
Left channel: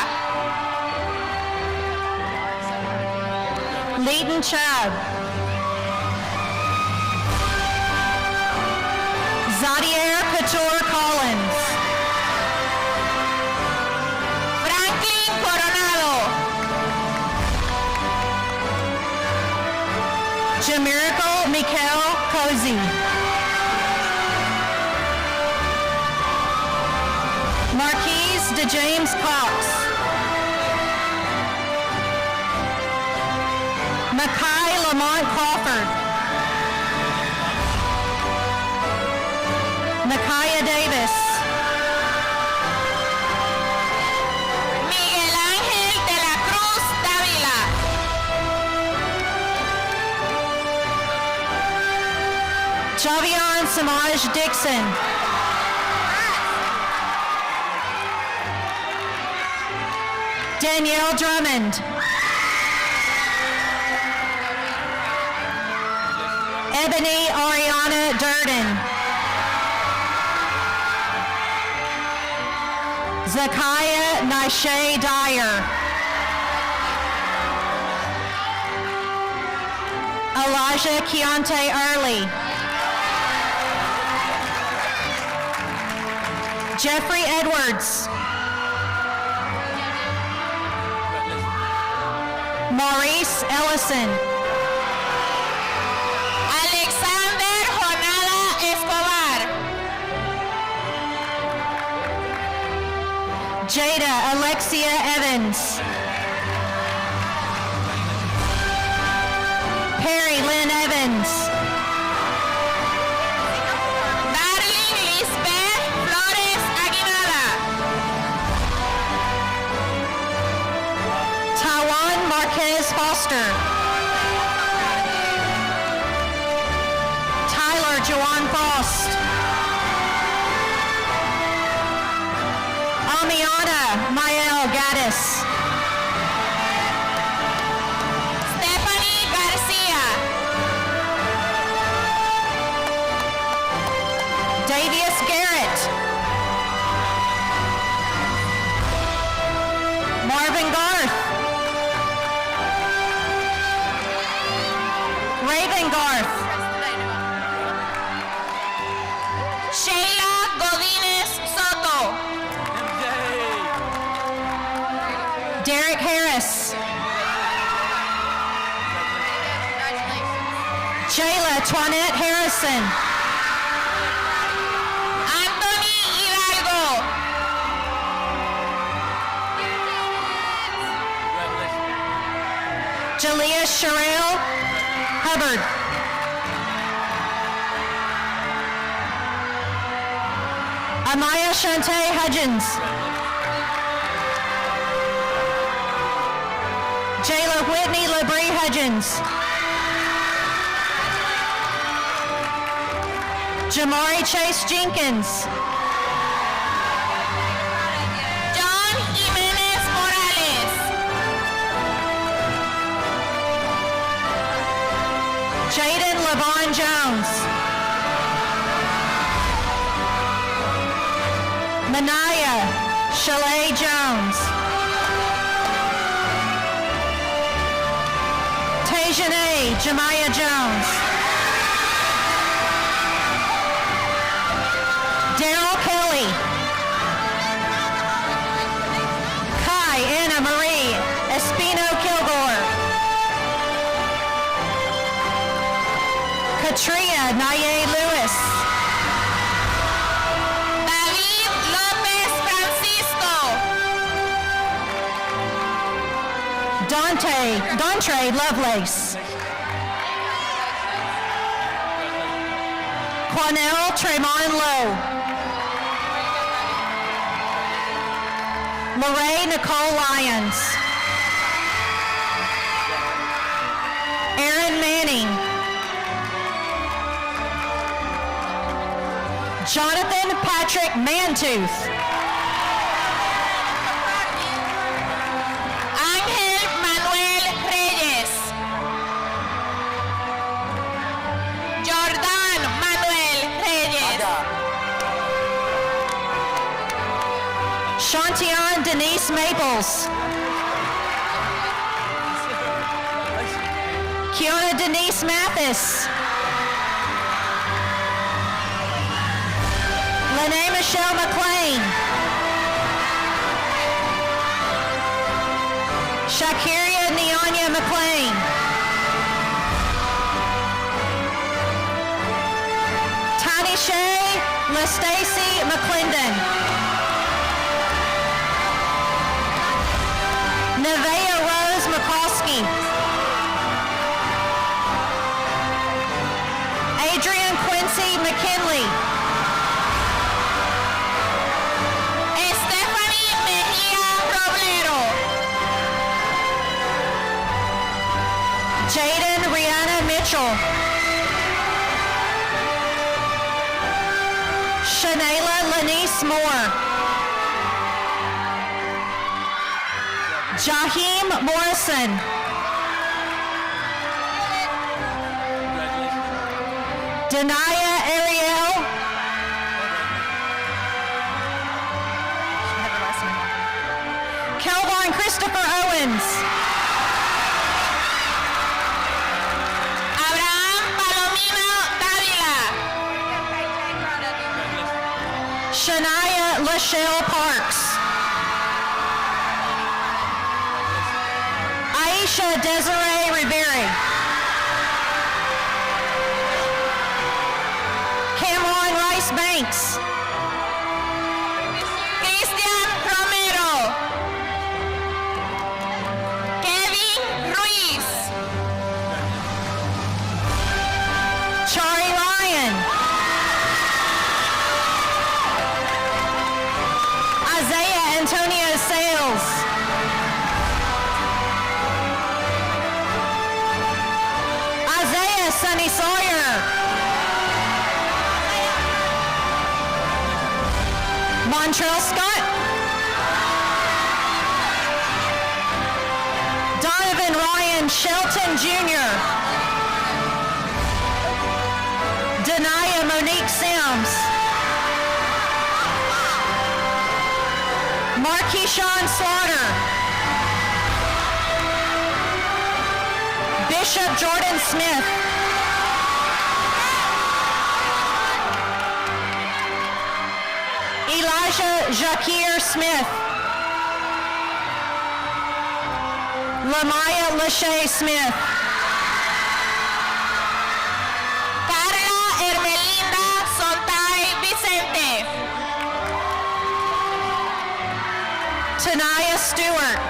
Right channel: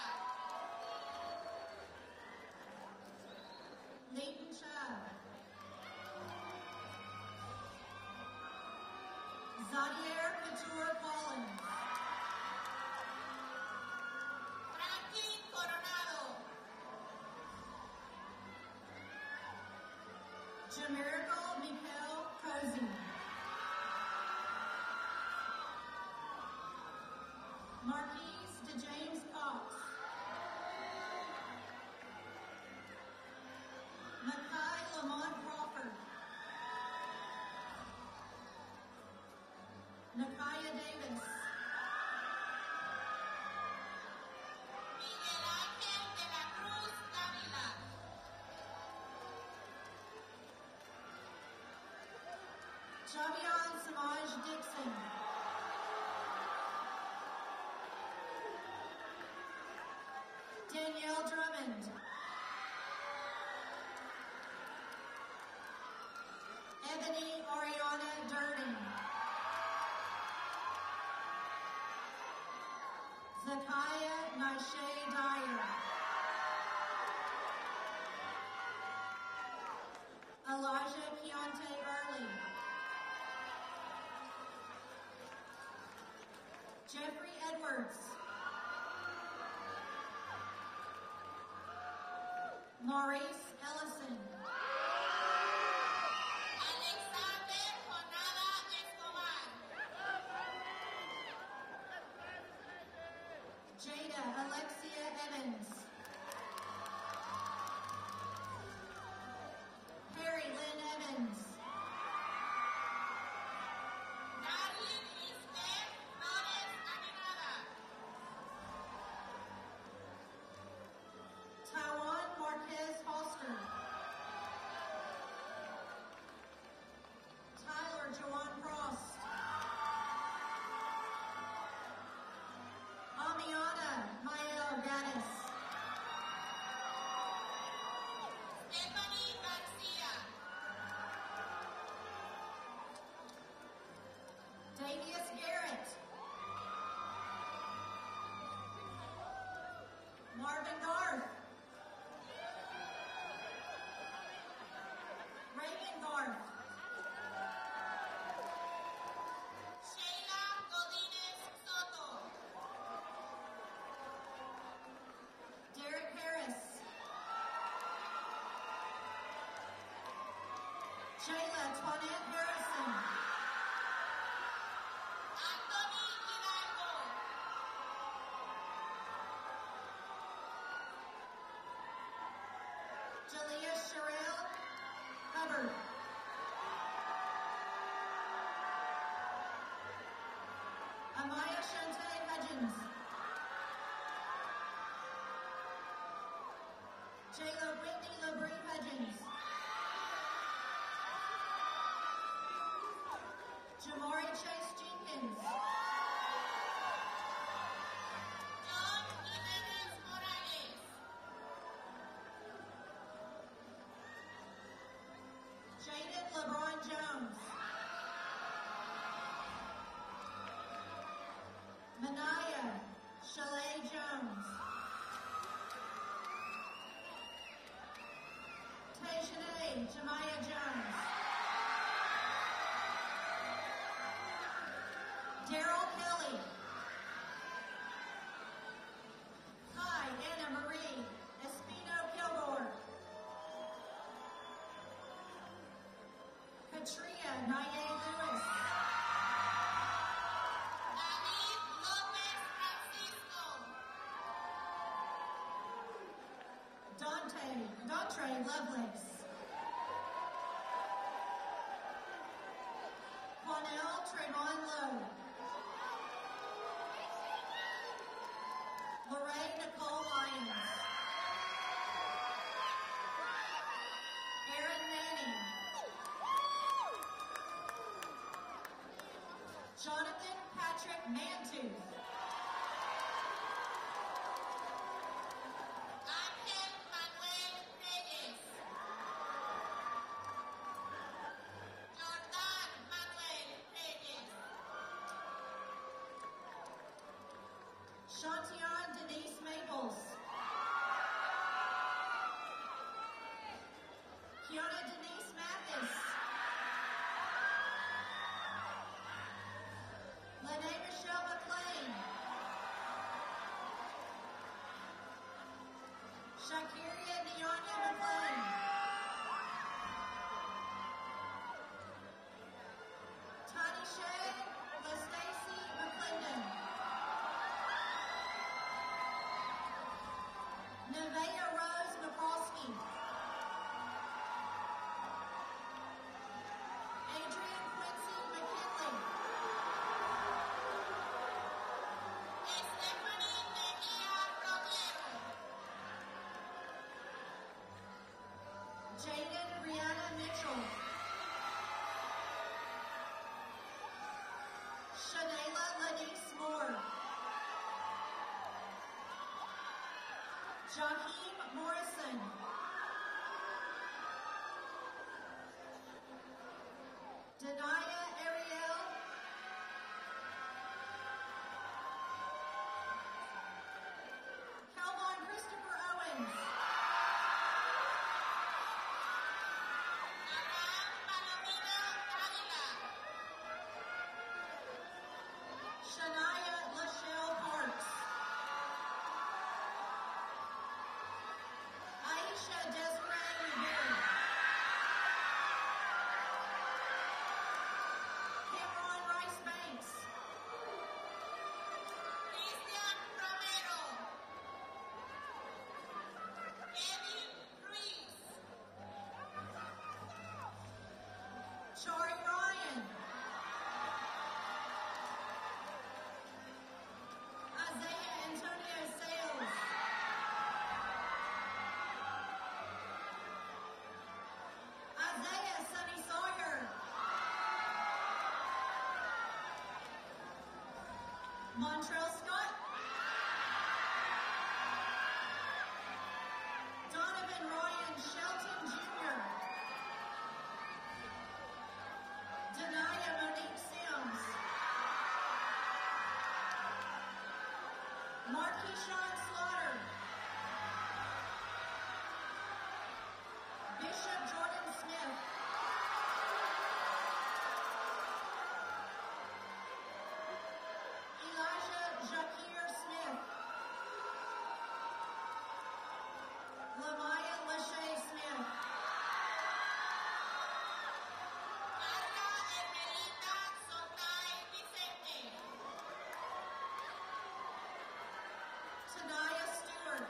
Leighton Chubb. Zadier Couture Collins. Franklin Coronado. Jamirical Mikael Cozy. Marquise DeJames Cox. Makai Lamont Crawford. Micaiah Davis. Miguel Ángel de la Cruz Dávila. Javion Samaj Dixon. Danielle Drummond. Ebony Ariana Durden. Zakiah Nishay Dyer. Elijah Keontae Early. Jeffrey Edwards. Maurice Ellison. Alexander Jonada Escobar. Jada Alexia Evans. Perry Lynn Evans. Darling Lisbeth Flores Aguinalda. Tawan Marquez Foster. Tyler Jawan Frost. Amiana Mael Gaddis. Stephanie Garcia. Davius Garrett. Marvin Garth. Derek Harris. Jayla Twanette Harrison. Anthony Hidalgo. Jalea Sherrill Hubbard. Amaya Shante Hudgens. Jayla Whitney LeBrie Hudgens. Jamari Chase Jenkins. John Jimenez Morales. Jaden LeVon Jones. Manaya Shalay Jones. Tajane Jemiah Jones. Daryl Kelly. Kai Anna Marie Espino Kilgore. Katria Naye Lewis. David Lopez Francisco. Dontre Lovelace. Quanell Tremont Lowe. Lorraine Nicole Lyons. Aaron Manning. Jonathan Patrick Mantooth. Ángel Manuel Reyes. Jordan Manuel Reyes. Shantion Denise Maples. Kiona Denise Mathis. Lene Michelle McLean. Shakiria Neonya McLean. Tiny Shay LaStacy McClendon. Nevaeh Rose McCoskey. Adrian Quincy McKinley. Stephanie Mejía Roblero. Jaden Rihanna Mitchell. Shanayla Lanice Moore. Jaheim Morrison. Denia Ariel. Kelvin Christopher Owens. Abraham Palomino Dávila. Shania Lachelle Parks. Aisha Desiree Rivera. Cameron Rice Banks. Cristian Romero. Kevin Ruiz. Chari Ryan. Isaiah Antonio Sales. Isaiah Sunny Sawyer. Montrell Scott. Donovan Ryan Shelton Jr. Denia Monique Sims. Marquishawn Slaughter. Bishop Jordan Smith. Elijah Jacquier Smith. Lamaya Lachey Smith. Carla Hermelinda Sontay Vicente. Tanaya Stewart.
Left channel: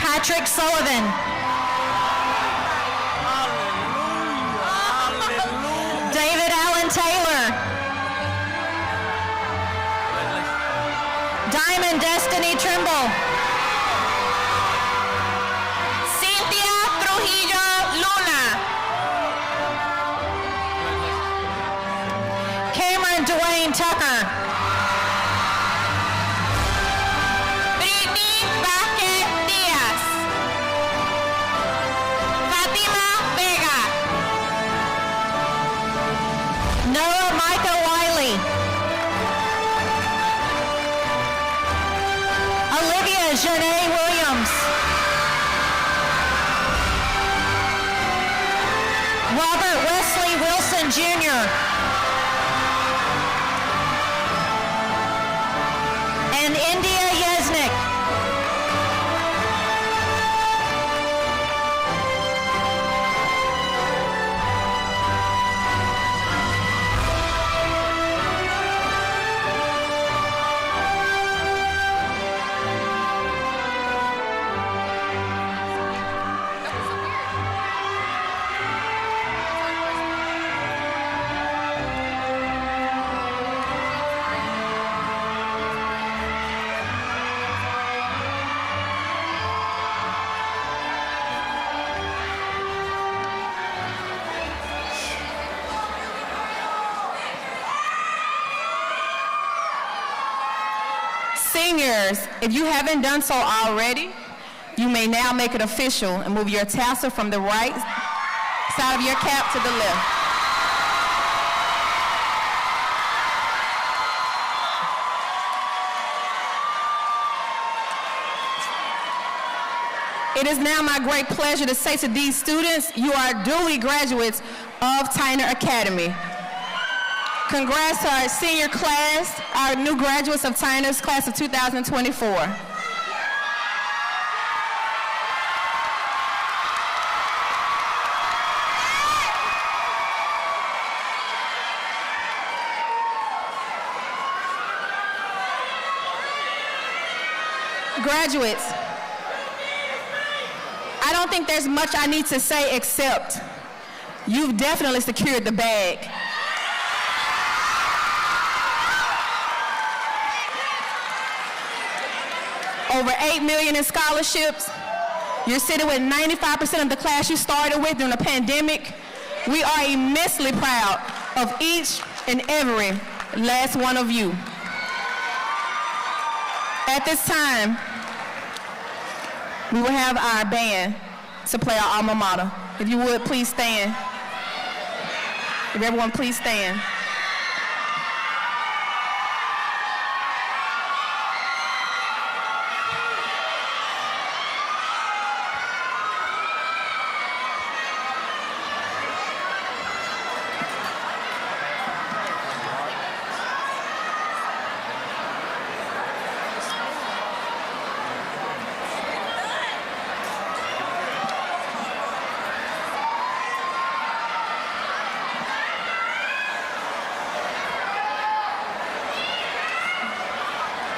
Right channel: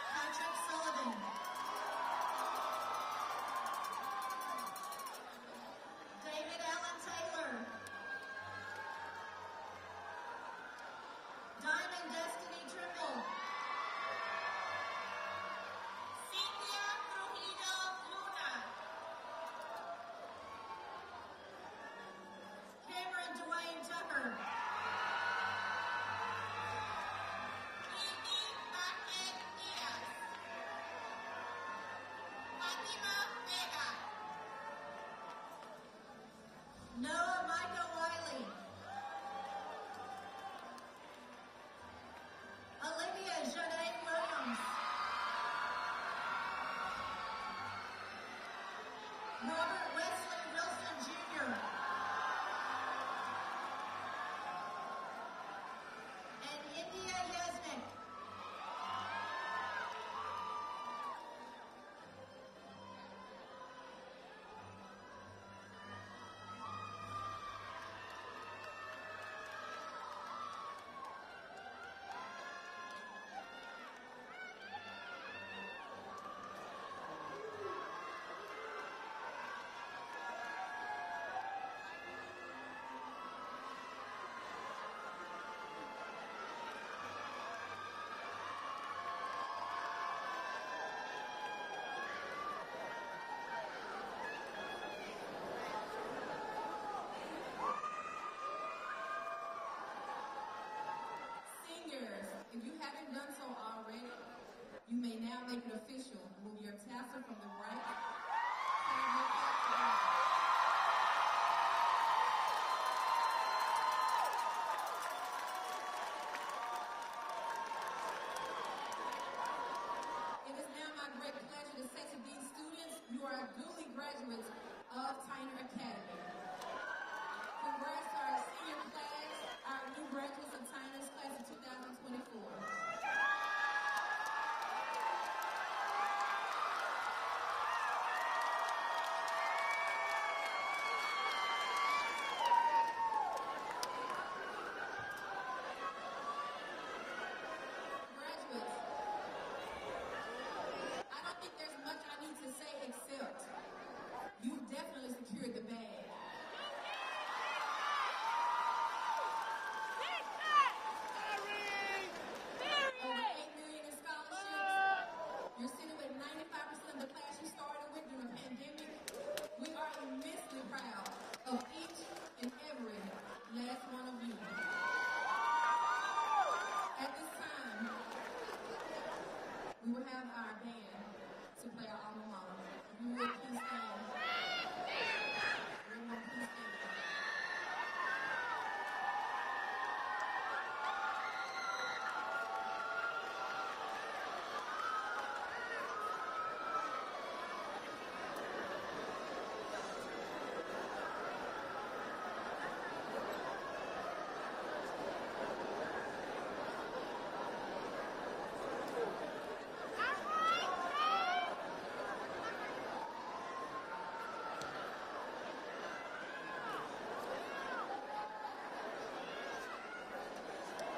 Patrick Sullivan. David Allen Taylor. Diamond Destiny Trimble. Cynthia Trujillo Luna. Cameron Dwayne Tucker. Britney Vázquez Díaz. Fátima Vega. Noah Micah Wiley. Olivia Janae Williams. Robert Wesley Wilson Jr. And India Yesnick. Seniors, if you haven't done so already, you may now make it official and move your tassel from the right side of your cap to the left. It is now my great pleasure to say to these students, you are duly graduates of Tyner Academy. Congrats to our senior class, our new graduates of Tyner's class of 2024. Graduates, I don't think there's much I need to say except you've definitely secured the bag. Over $8 million in scholarships. You're sitting with 95% of the class you started with during the pandemic. We are immensely proud of each and every last one of you. At this time, we will have our band to play our alma mater. If you would, please stand. If everyone please stand.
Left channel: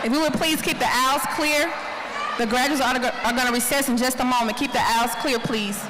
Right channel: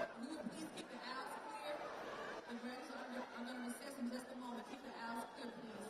If you would please keep the aisles clear. The graduates are going to recess in just a moment. Keep the aisles clear, please.